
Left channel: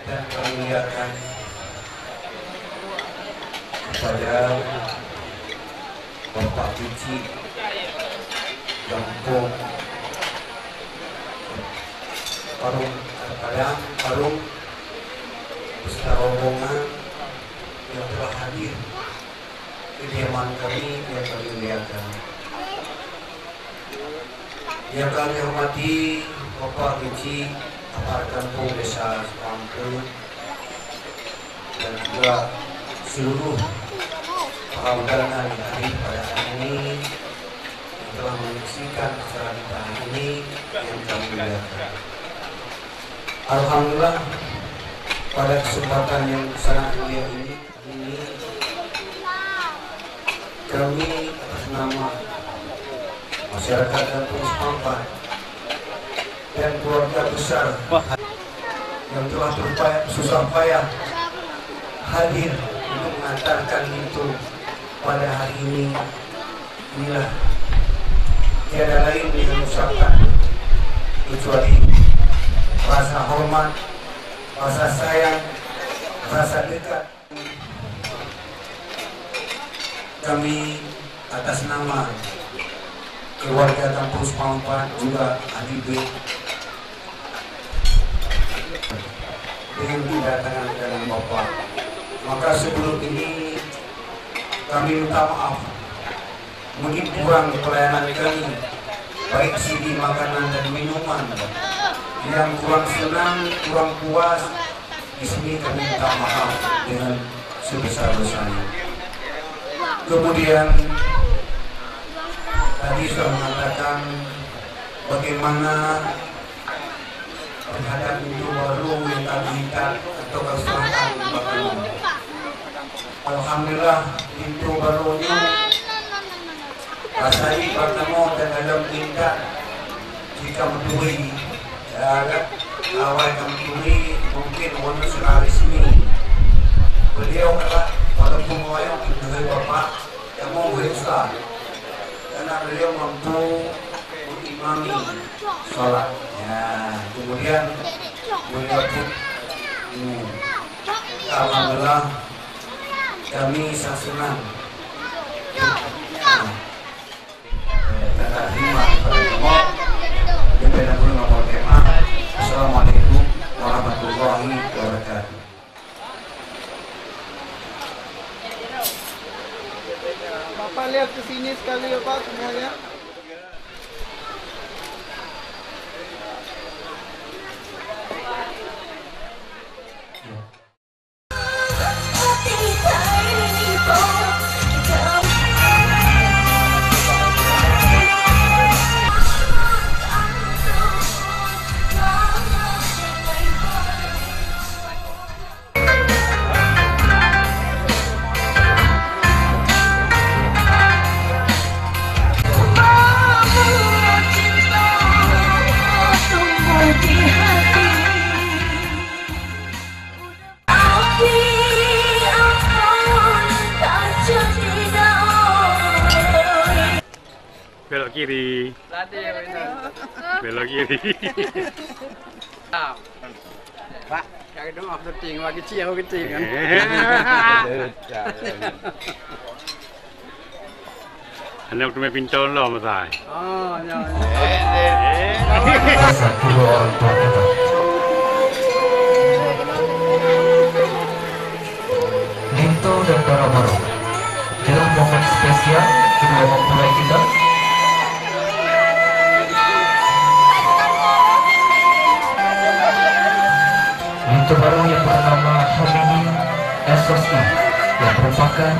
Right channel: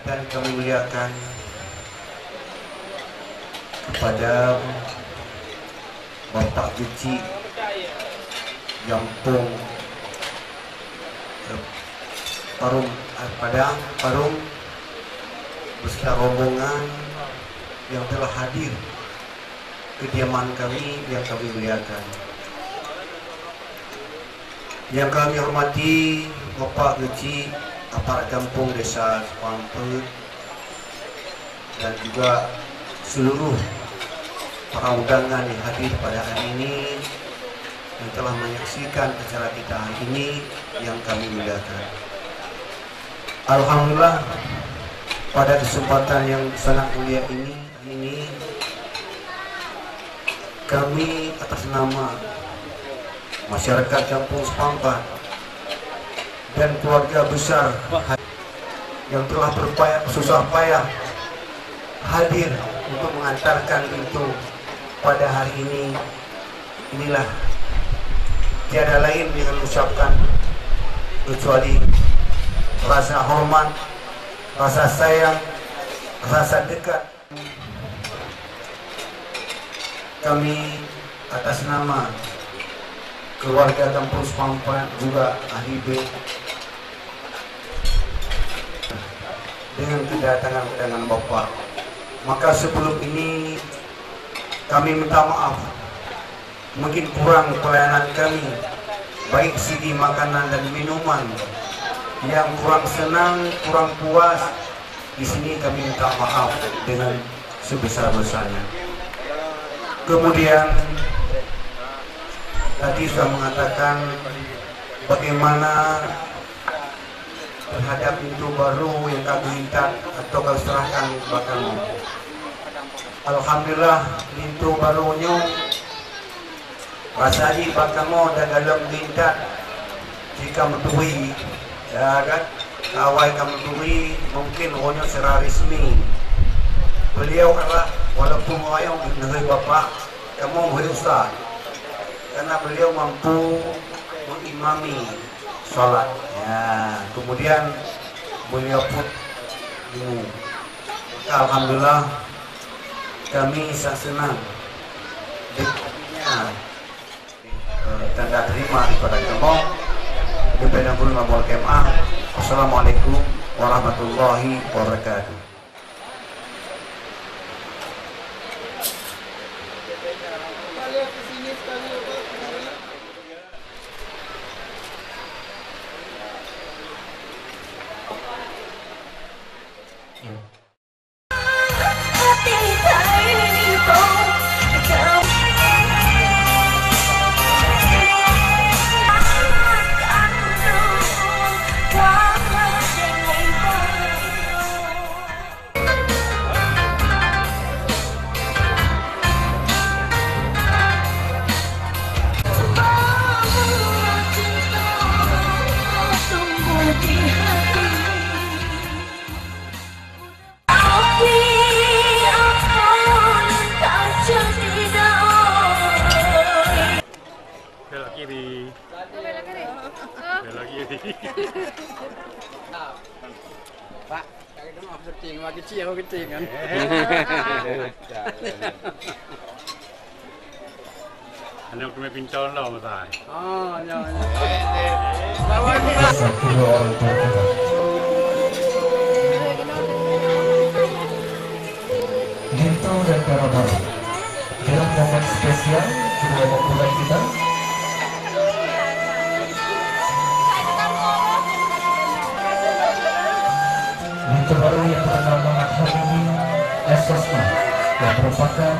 dan kemuliaan kepada Bapak Pici Jampung Parung beserta rombongan yang telah hadir kediaman kami yang kami muliakan. Yang kami hormati Bapak Kecil Aparat Kampung Desa Sepakat dan juga seluruh para undangan yang hadir pada hari ini yang telah menyaksikan acara kita hari ini yang kami muliakan. Alhamdulillah, pada kesempatan yang sangat mulia ini kami atas nama masyarakat Kampung Sepakat dan keluarga besar yang telah berupaya susah payah hadir untuk mengantarkan itu pada hari ini, inilah tiada lain yang mengucapkan kecuali rasa hormat, rasa sayang, rasa dekat. Kami atas nama keluarga Kampung Sepakat juga ahli B dengan kedatangan dengan Bapak. Maka sebelum ini kami minta maaf, mungkin kurang pelayanan kami, baik segi makanan dan minuman yang kurang senang, kurang puas. Di sini kami minta maaf dengan sebesar-besarnya. Kemudian tadi saya mengatakan bagaimana terhadap pintu baru yang kami minta atau serahkan Bapak. Alhamdulillah pintu barunya rasanya pertama dan dalam minta jika menuhi dan awal kami menuhi mungkin warna secara resmi. Beliau adalah wadah pengayuh dengan Bapak kamu berusaha karena beliau mampu mengimami sholat. Ya, kemudian beliau pun ini. Alhamdulillah kami sangat senang tanda terima kepada kamu. Kepada nomor KMA. Assalamualaikum warahmatullahi wabarakatuh. Bapak lihat ke sini sekali ya Pak semuanya. Belok kiri. Belok kiri. Pak, yang itu mah kecil, wah kecil kan. Anak tu pincang lah masai. Kedua orang tua kita. Linto dan para baru dalam momen spesial kedua mempelai kita. Linto baru yang bernama Hamini SSI yang merupakan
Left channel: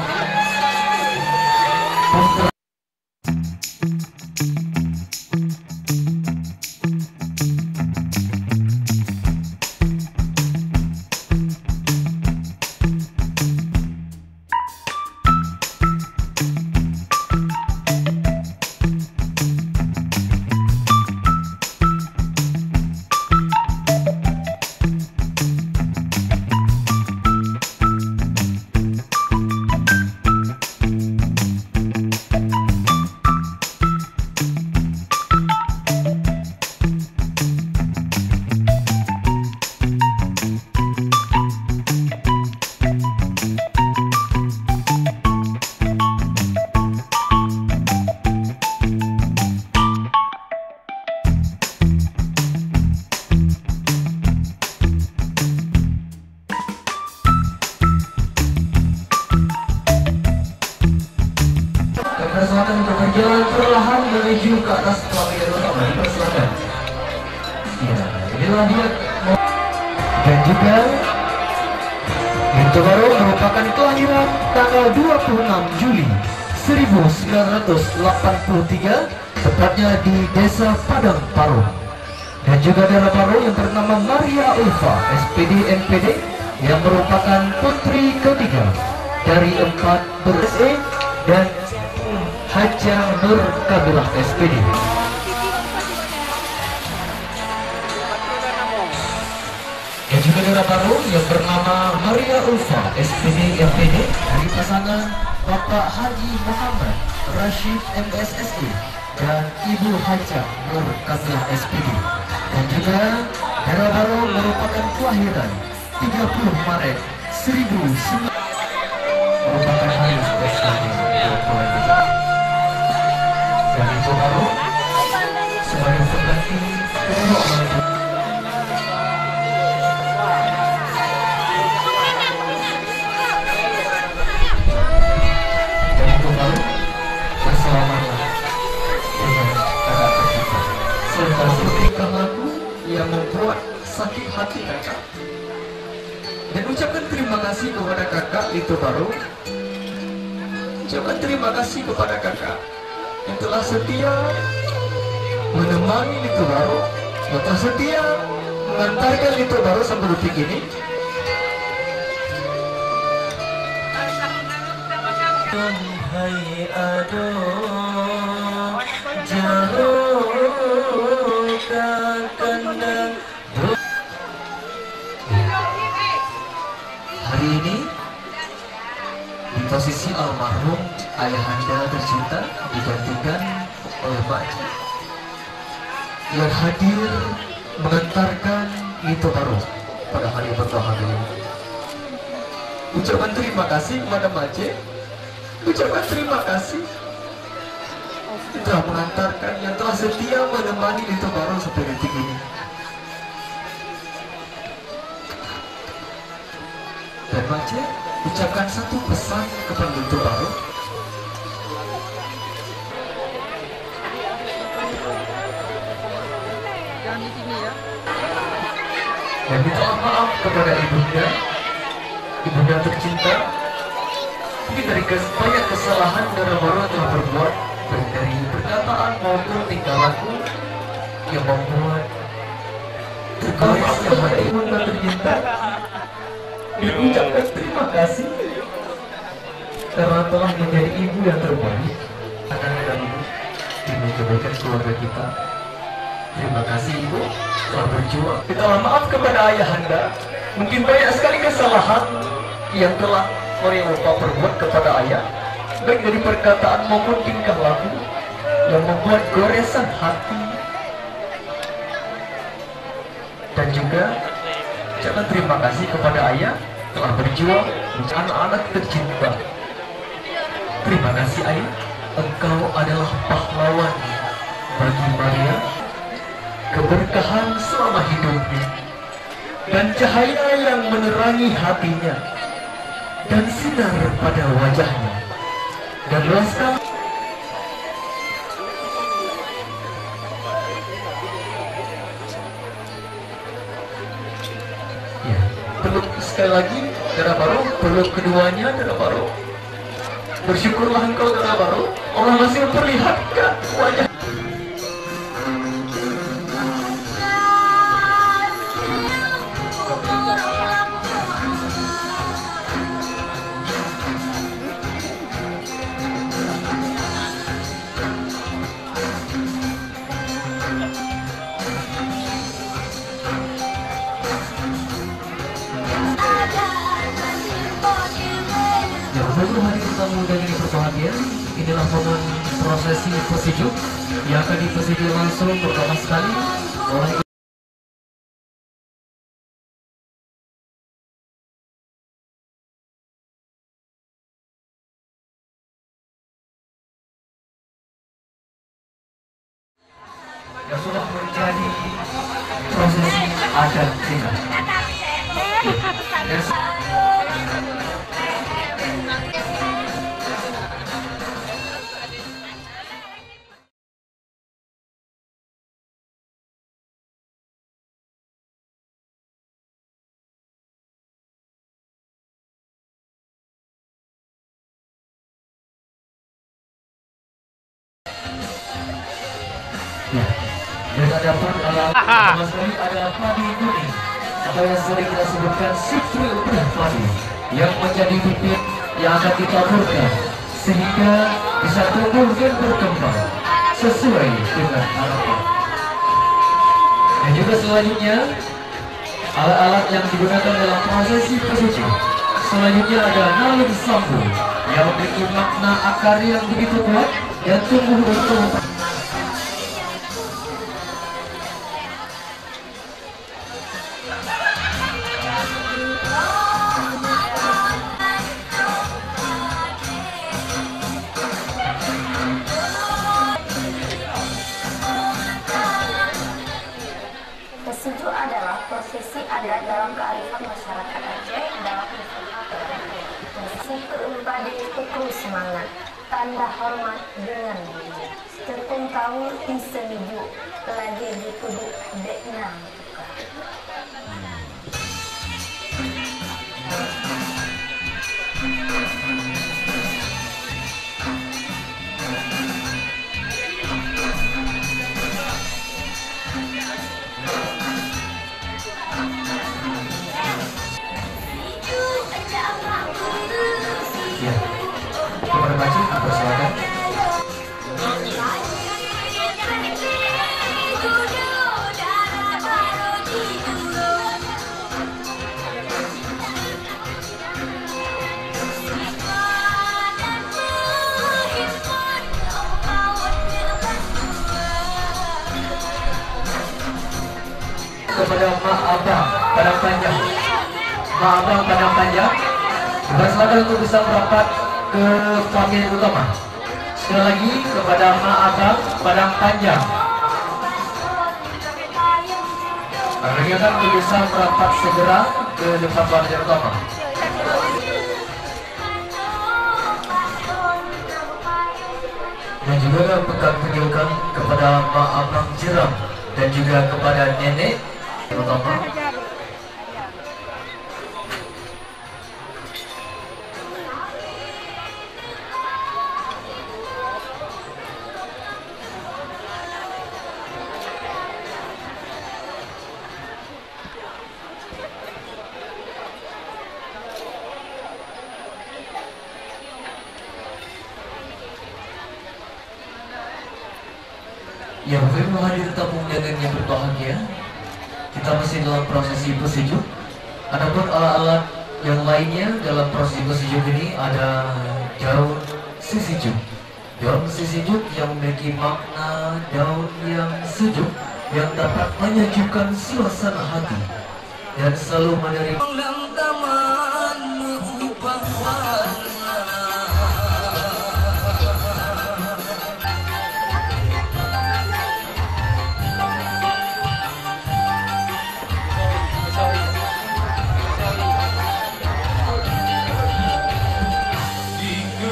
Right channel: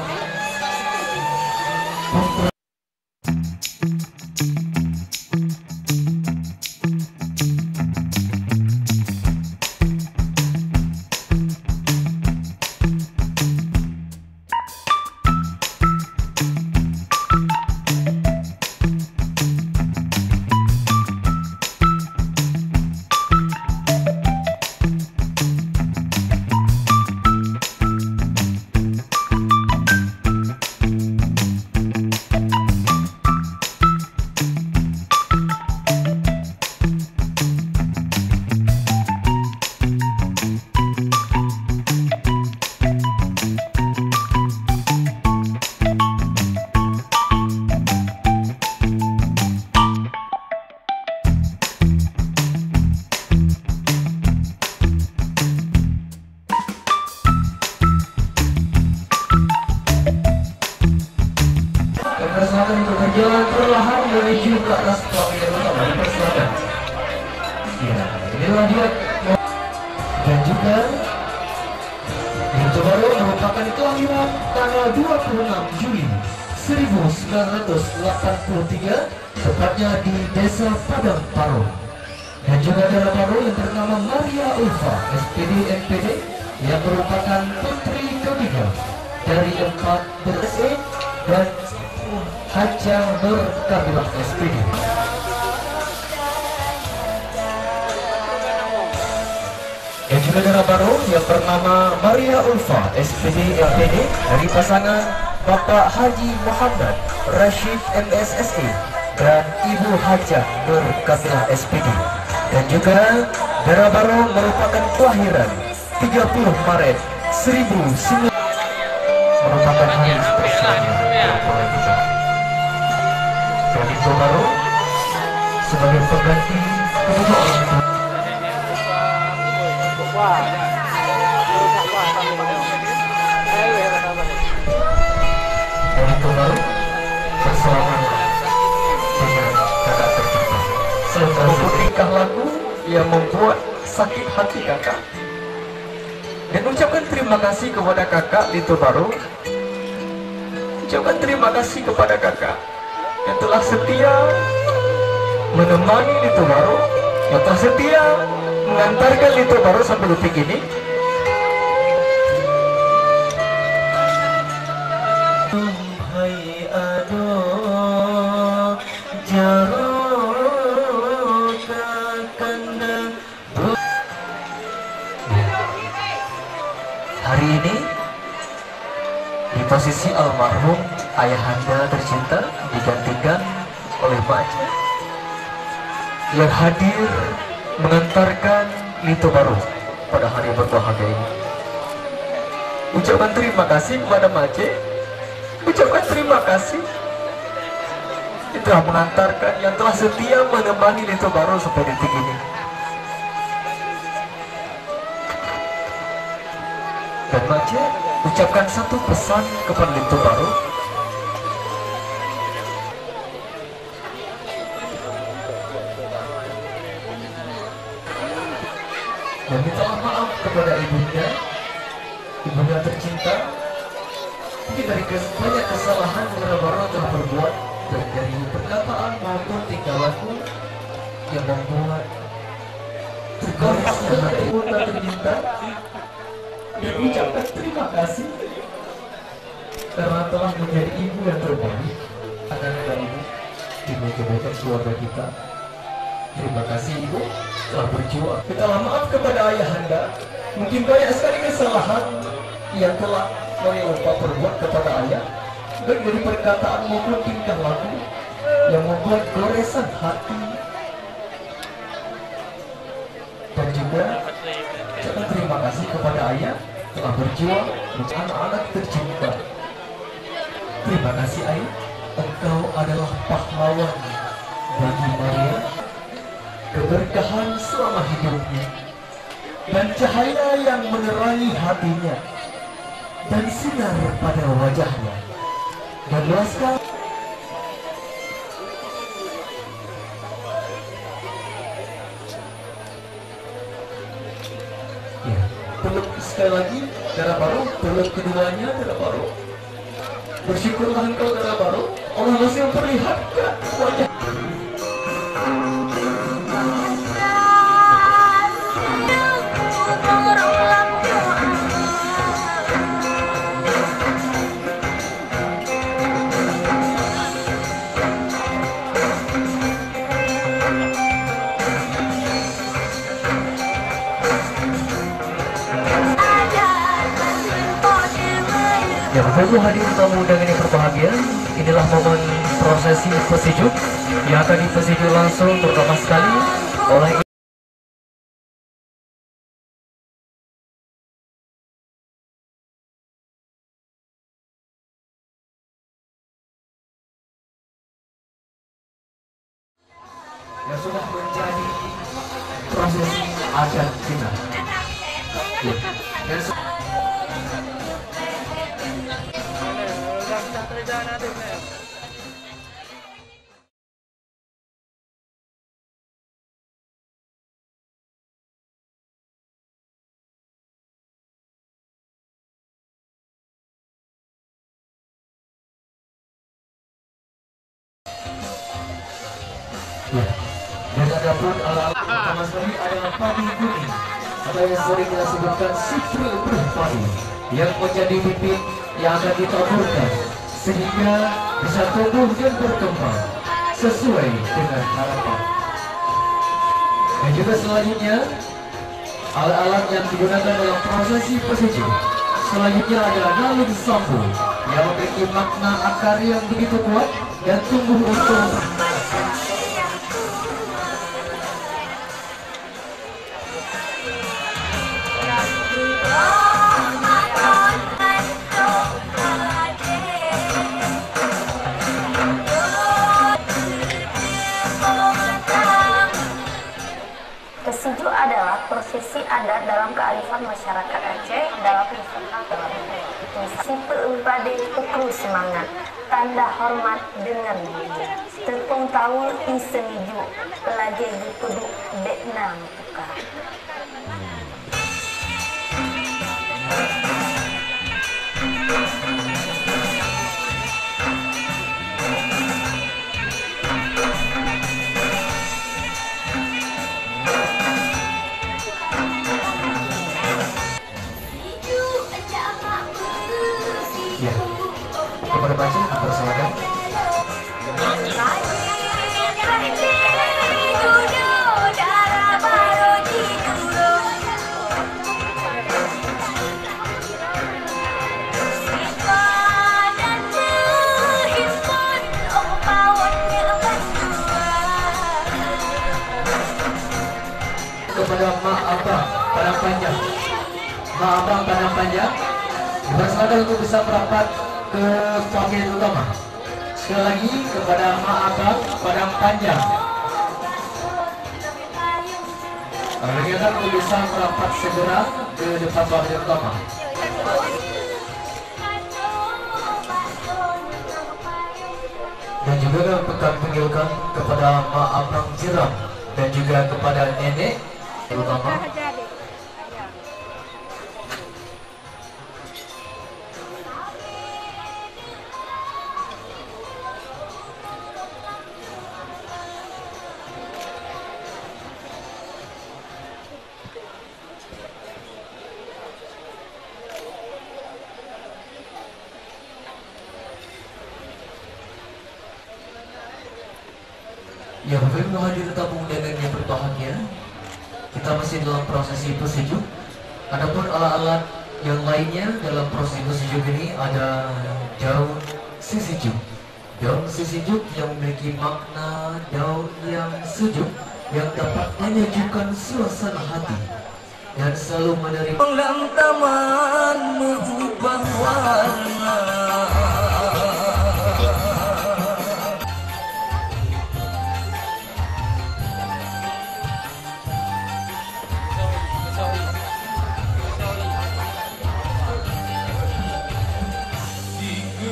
berjalan perlahan menuju ke atas pelaminan utama dipersilakan. Ya, inilah dia. Dan juga Linto Baru merupakan kelahiran tanggal 26 Juli 1983, tepatnya di Desa Padang Paru. Dan juga darah baru yang bernama Maria Ulfa SPD MPD yang merupakan putri ketiga dari 4 berse dan Haja Nur Kamilah SPD. Dan juga darah baru yang bernama Maria Ulfa SPD MPD dari pasangan Bapak Haji Muhammad Rashid MSSI dan Ibu Haja Nur Kamilah SPD. Dan juga darah baru merupakan kelahiran 30 Maret 1900 merupakan hari spesial. Dan itu baru sebagai pengganti dan itu baru bersama dengan kakak tersebut serta tingkah laku yang membuat sakit hati kakak. Dan ucapkan terima kasih kepada kakak Linto Baru. Ucapkan terima kasih kepada kakak yang telah setia menemani Linto Baru, yang telah setia mengantarkan Linto Baru sampai detik ini. Hai aduh jauh kandang. Hari ini di posisi almarhum ayahanda tercinta digantikan oleh Mak yang hadir mengantarkan Linto Baru pada hari berbahagia ini. Ucapkan terima kasih kepada Mak. Ucapkan terima kasih yang telah mengantarkan, yang telah setia menemani Linto Baru sampai detik ini. Dan Mak ucapkan satu pesan kepada Linto Baru. Dan minta maaf kepada ibunya tercinta, mungkin dari banyak kesalahan dan baru telah berbuat, baik dari perkataan maupun tingkah laku yang membuat terkait kepada ibunda tercinta. Diucapkan terima kasih karena telah menjadi ibu yang terbaik akan mengganggu ibu kebaikan keluarga kita. Terima kasih ibu telah berjuang. Kita maaf kepada ayahanda, mungkin banyak sekali kesalahan yang telah orang bapak berbuat kepada ayah, baik dari perkataan maupun tingkah laku yang membuat goresan hati. Dan juga jangan terima kasih kepada ayah telah berjuang menjadi anak tercinta. Terima kasih ayah, engkau adalah pahlawan bagi Maria, keberkahan selama hidupnya, dan cahaya yang menerangi hatinya, dan sinar pada wajahnya, dan rasa. Peluk sekali lagi, darah baru. Peluk keduanya, darah baru. Bersyukurlah engkau, darah baru. Allah masih memperlihatkan wajah. Yang satu hadir tamu undangan yang berbahagia, inilah momen prosesi pesejuk yang akan dipesejuk langsung pertama sekali oleh yang sudah menjadi prosesi adat kita. Ya, dan ada pun Mas Rudi adalah padi atau yang sering kita sebutkan sipil padi yang menjadi bukit yang akan kita taburkan sehingga bisa tumbuh dan berkembang sesuai dengan harapan. Dan juga selanjutnya alat-alat yang digunakan dalam prosesi pesejuk selanjutnya adalah nalur sambung yang memiliki makna akar yang begitu kuat dan tumbuh berkembang. Pesejuk adalah prosesi adat dalam kearifan masyarakat Aceh dalam usaha simpel umpadi pukul semangat, tanda hormat dengan tepung tahu di senju, lagi dipuduk dekna. Ya, kepada macam berselanjut. Kepada Mak Abang Padang Panjang, Mak Abang Padang Panjang bersilakan untuk bisa merapat ke panggilan utama. Sekali lagi kepada Mak Abang Padang Panjang, menanyakan untuk bisa merapat segera ke depan panggilan utama. Dan juga kami akan panggilkan kepada Mak Abang Jeram dan juga kepada Nenek terutama. Ya, bagi menghadiri tamu undangan yang berbahagia, kita masih dalam prosesi pesejuk. Adapun alat yang lainnya dalam prosesi pesejuk ini ada daun sesejuk. Daun sesejuk yang memiliki makna daun yang sejuk yang dapat menyejukkan suasana hati dan selalu menerima taman mengubah warna.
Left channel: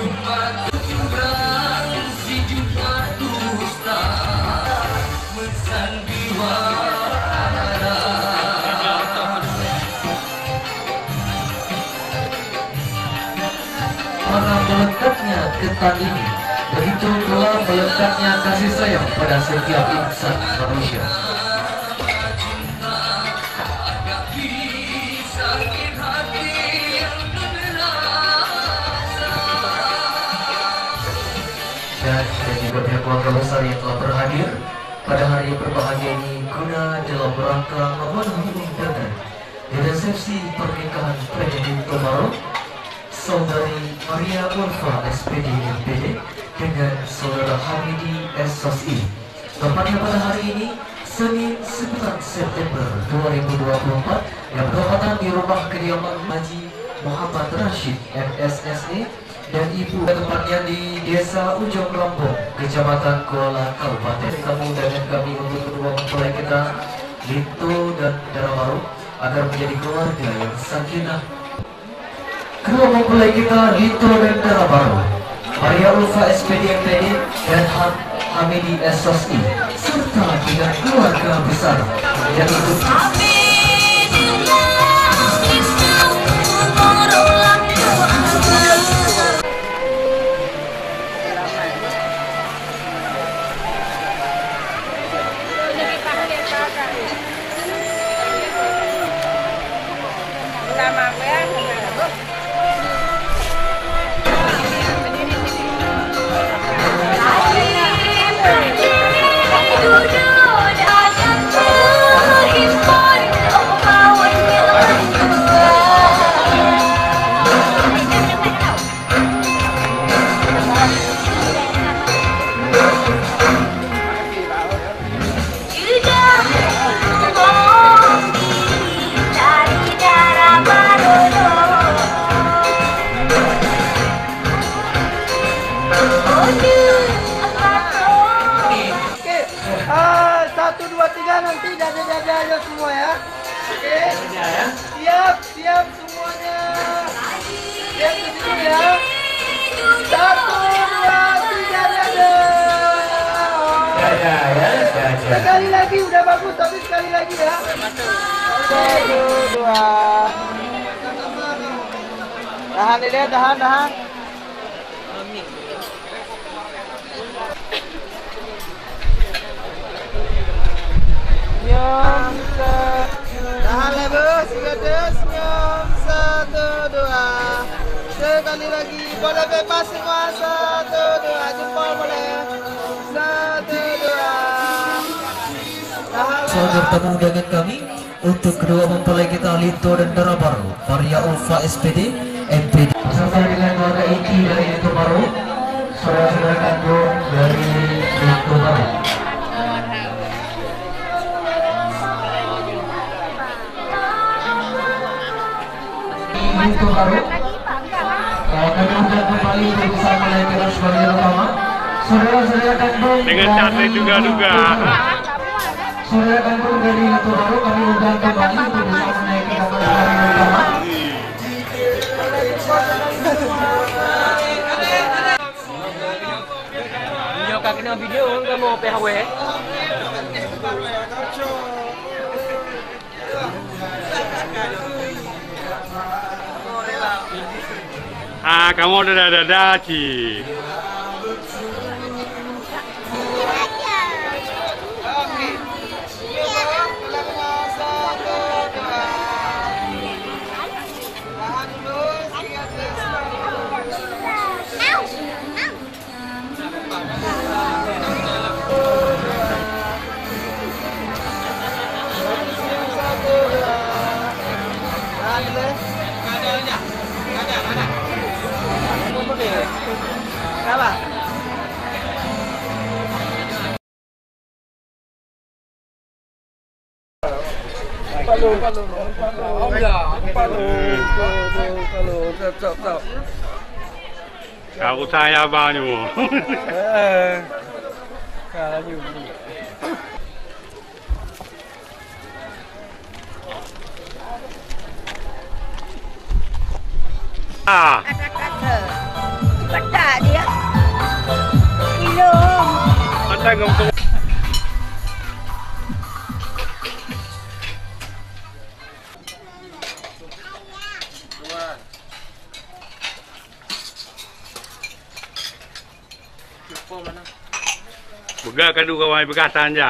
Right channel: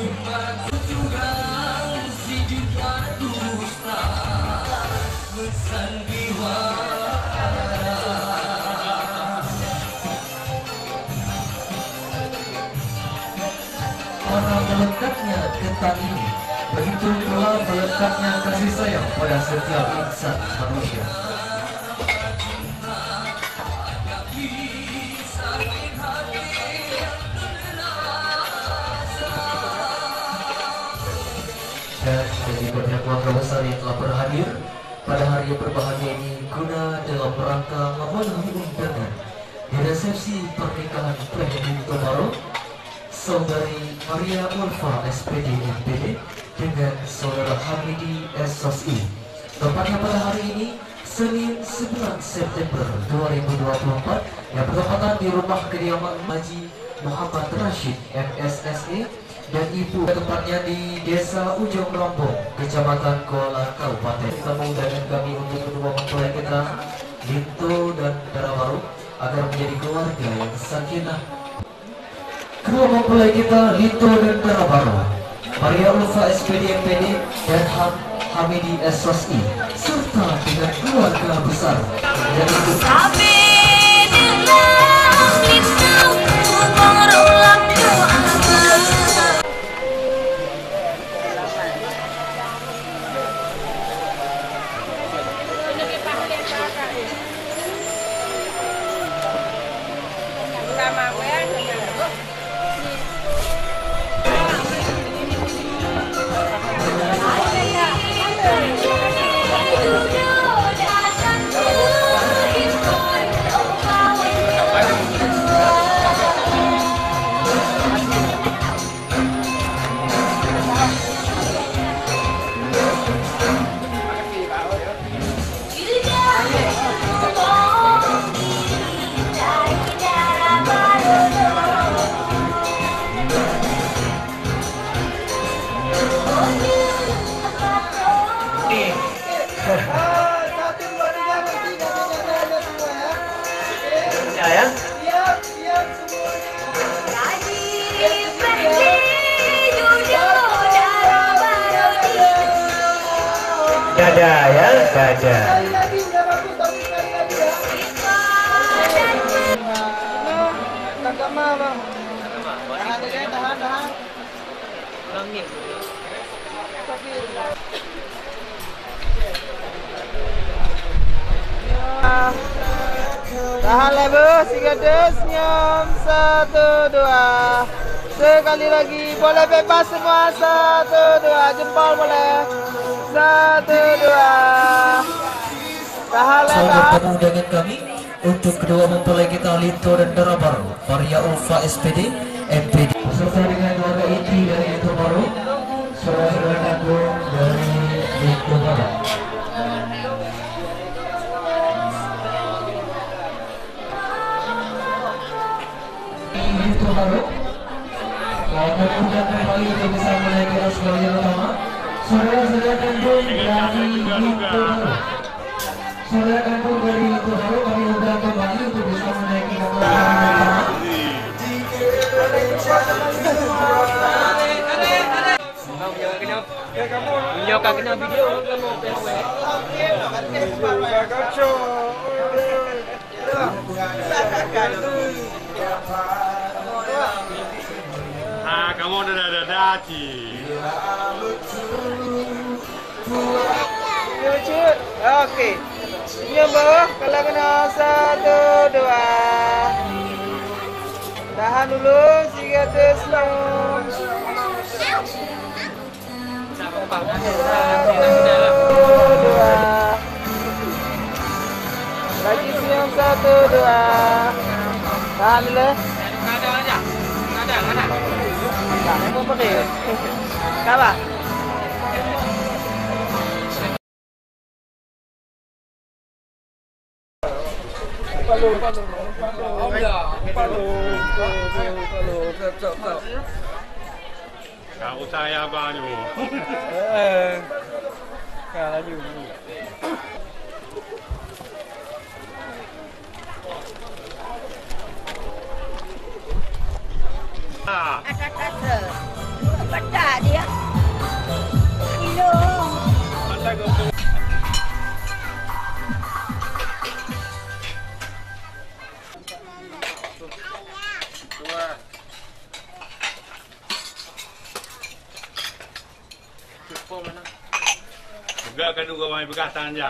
Mana melengkapnya ketan ini, begitu pula melengkapnya kasih sayang pada setiap insan manusia. Dan berikutnya keluarga besar yang telah berhadir pada hari yang berbahagia ini guna dalam rangka memenuhi undangan di resepsi pernikahan Benjamin Tomaro Saudari Maria Ulfa SPD MPD dengan Saudara Hamidi SOSI. Tepatnya pada hari ini Senin 9 September 2024 yang bertepatan di rumah kediaman Haji Muhammad Rashid MSSE dan Ibu, tempatnya di Desa Ujung Rambung, Kecamatan Kuala Kabupaten. Kita dengan kami untuk kedua mempelai kita, Lito dan Darabau, agar menjadi keluarga yang sakinah. Kedua mempelai kita, Lito dan Darabau, Maria Ulfa SPD MPD dan Hamidi SOSI, serta dengan keluarga besar yang sekali lagi udah bagus, tapi sekali lagi ya. Tahan deh, tahan. Tahan lebar, sigates, nyam, 1, 2. Sekali lagi, boleh bebas semua, 1, 2, jempol boleh, 1, 2. Sangat undangan kami untuk kedua mempelai kita Lito dan Darabau, Maria Ulfa SPD MPD, serta dengan keluarga Iki dari Tomaro, saudara-saudara kandung dari Tomaro. Ini Tomaro. Kami sudah kembali bersama dengan sebagai rumah. Saudara-saudara kandung dengan cantik juga. Saudara kandung dari Tomaro, kami sudah kembali bersama naik ke kapal. Video nggak mau PHW. Kamu udah ada Ci. Oke. Ini bawah kalau kena 1, 2. Tahan dulu, sigates bangun. 1, 2. Lagi siang 1, 2. Tahan dulu. Mau pakai? Salah. Aku saya banyu. Ada Budak dia. Kilo. Ada ngomong. Buka kadu kawan berkasan je.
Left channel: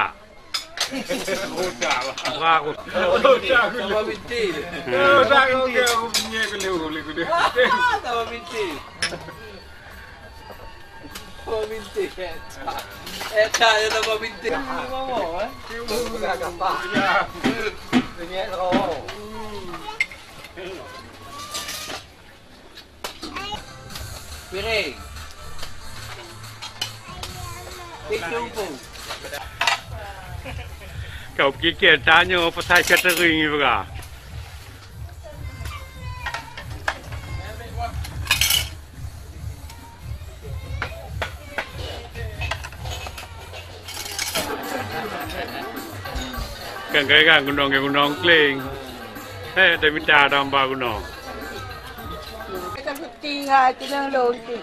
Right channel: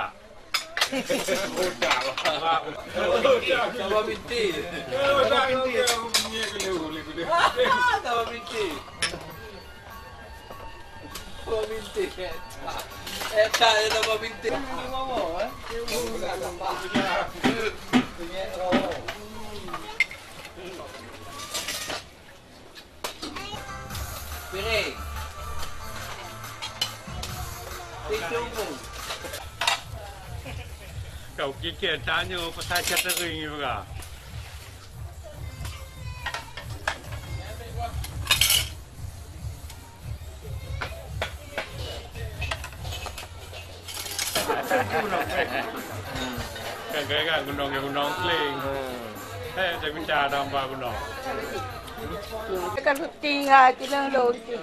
Kau kikir tanya pasal catering ni juga. Kan gunung kling. Tapi tak ada apa gunung. Kan tinggal kena lor tu.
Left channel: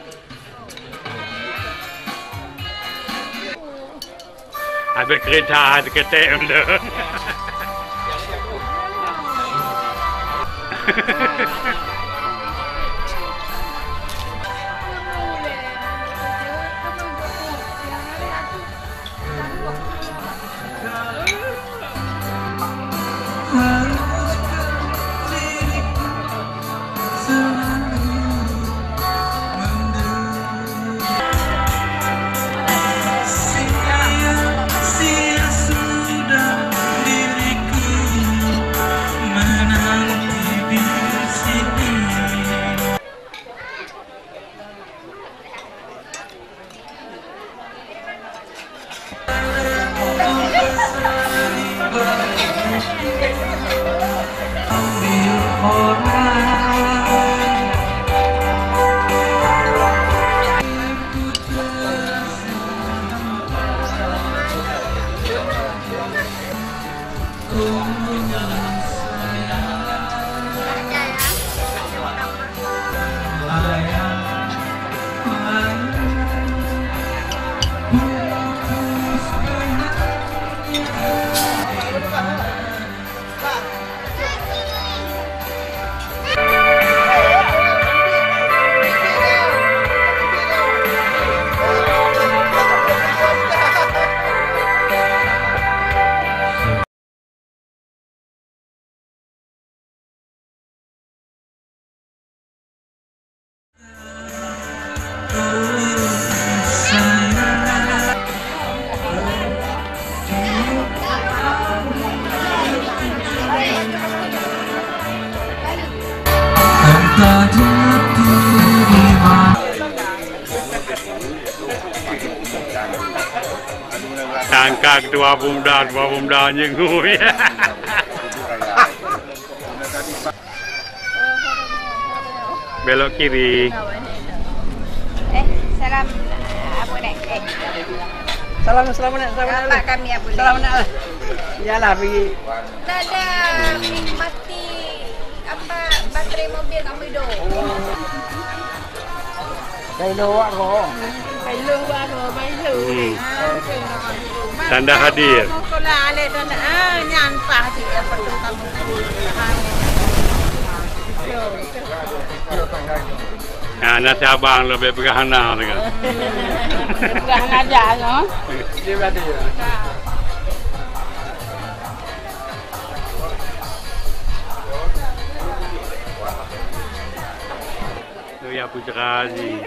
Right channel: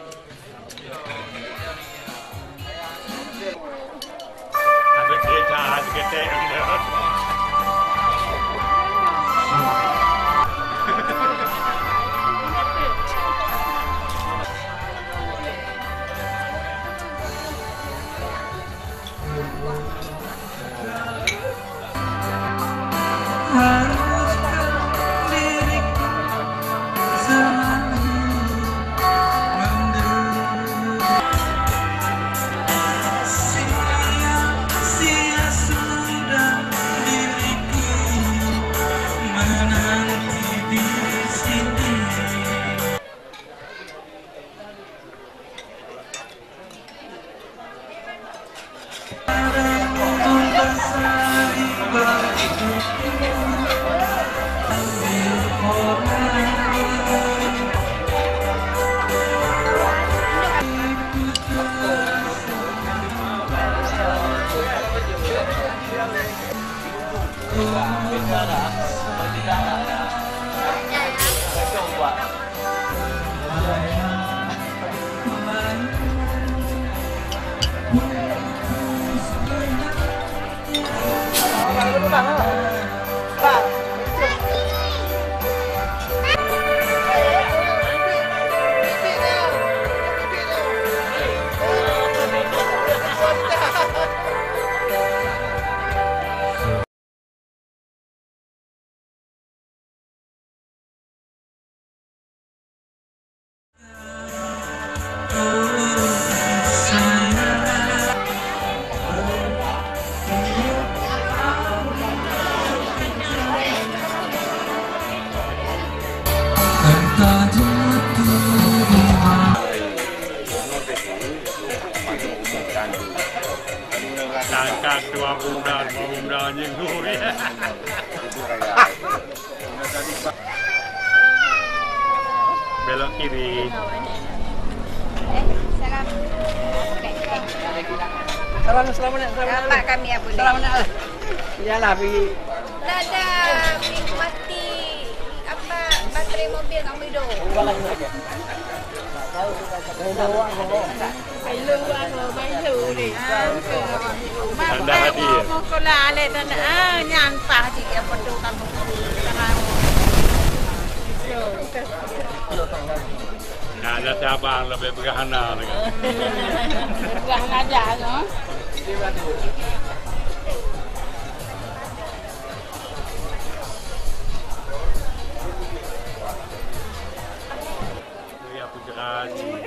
Ada kereta, ada ketek benda. Angkat dua pemuda nyengui. Belok kiri. Salam. Apa nak? Salam. Selamat kami ya boleh. Selamat. Ya lah pergi. Nada mati apa baterai mobil kamu hidup. Tanda hadir. Nah, nasi abang lebih berhana dengan. Berhana aja, no? Tu ya putra ni.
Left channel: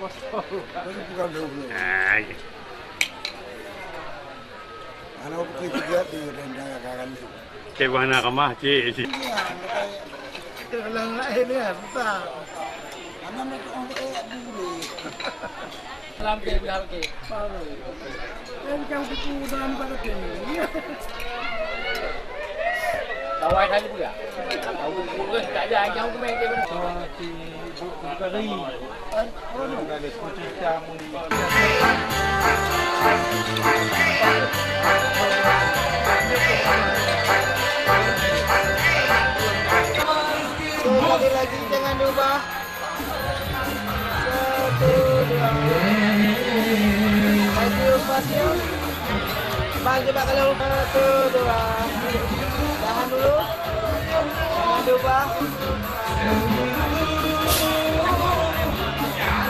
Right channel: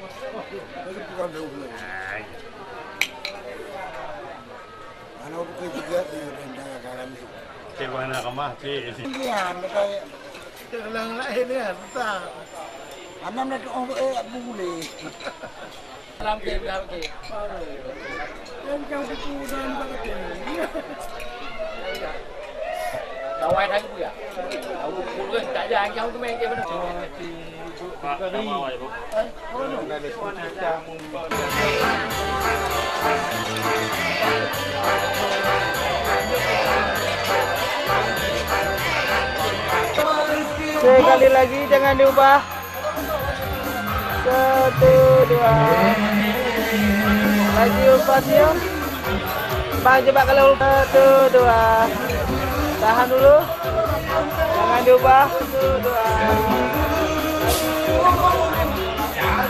Anak pergi juga di daerah Cik mana kamah cik. ya, dalam lain ya, tak. Anak nak buli. Lampu biar ke. Yang kau tu dalam kerja. Awak dah tu ya. Mungkin tak ada yang main dia pun. Sekali lagi jangan diubah. 1, 2. Lagi ubah ya. Bang coba kalau 1, 2. Tahan dulu. Jangan diubah. 1, 2.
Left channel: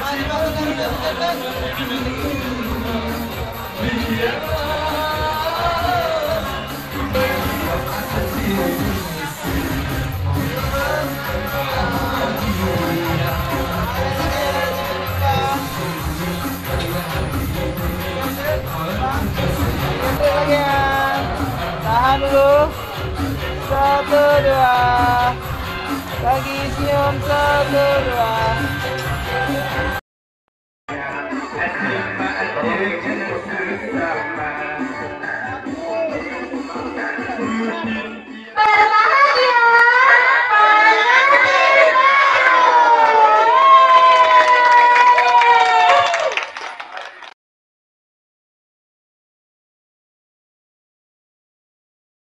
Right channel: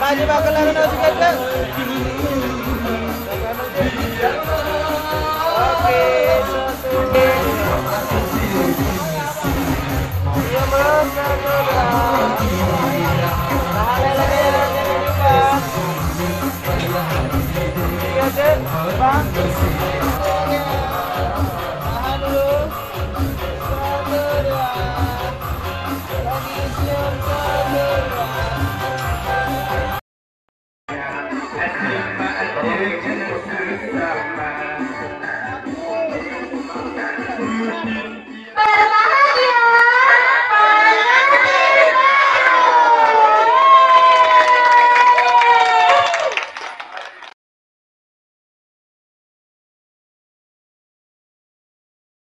Bang coba kalau sedikit bang. Tahan dulu. 1, 2. Lagi senyum 1, 2.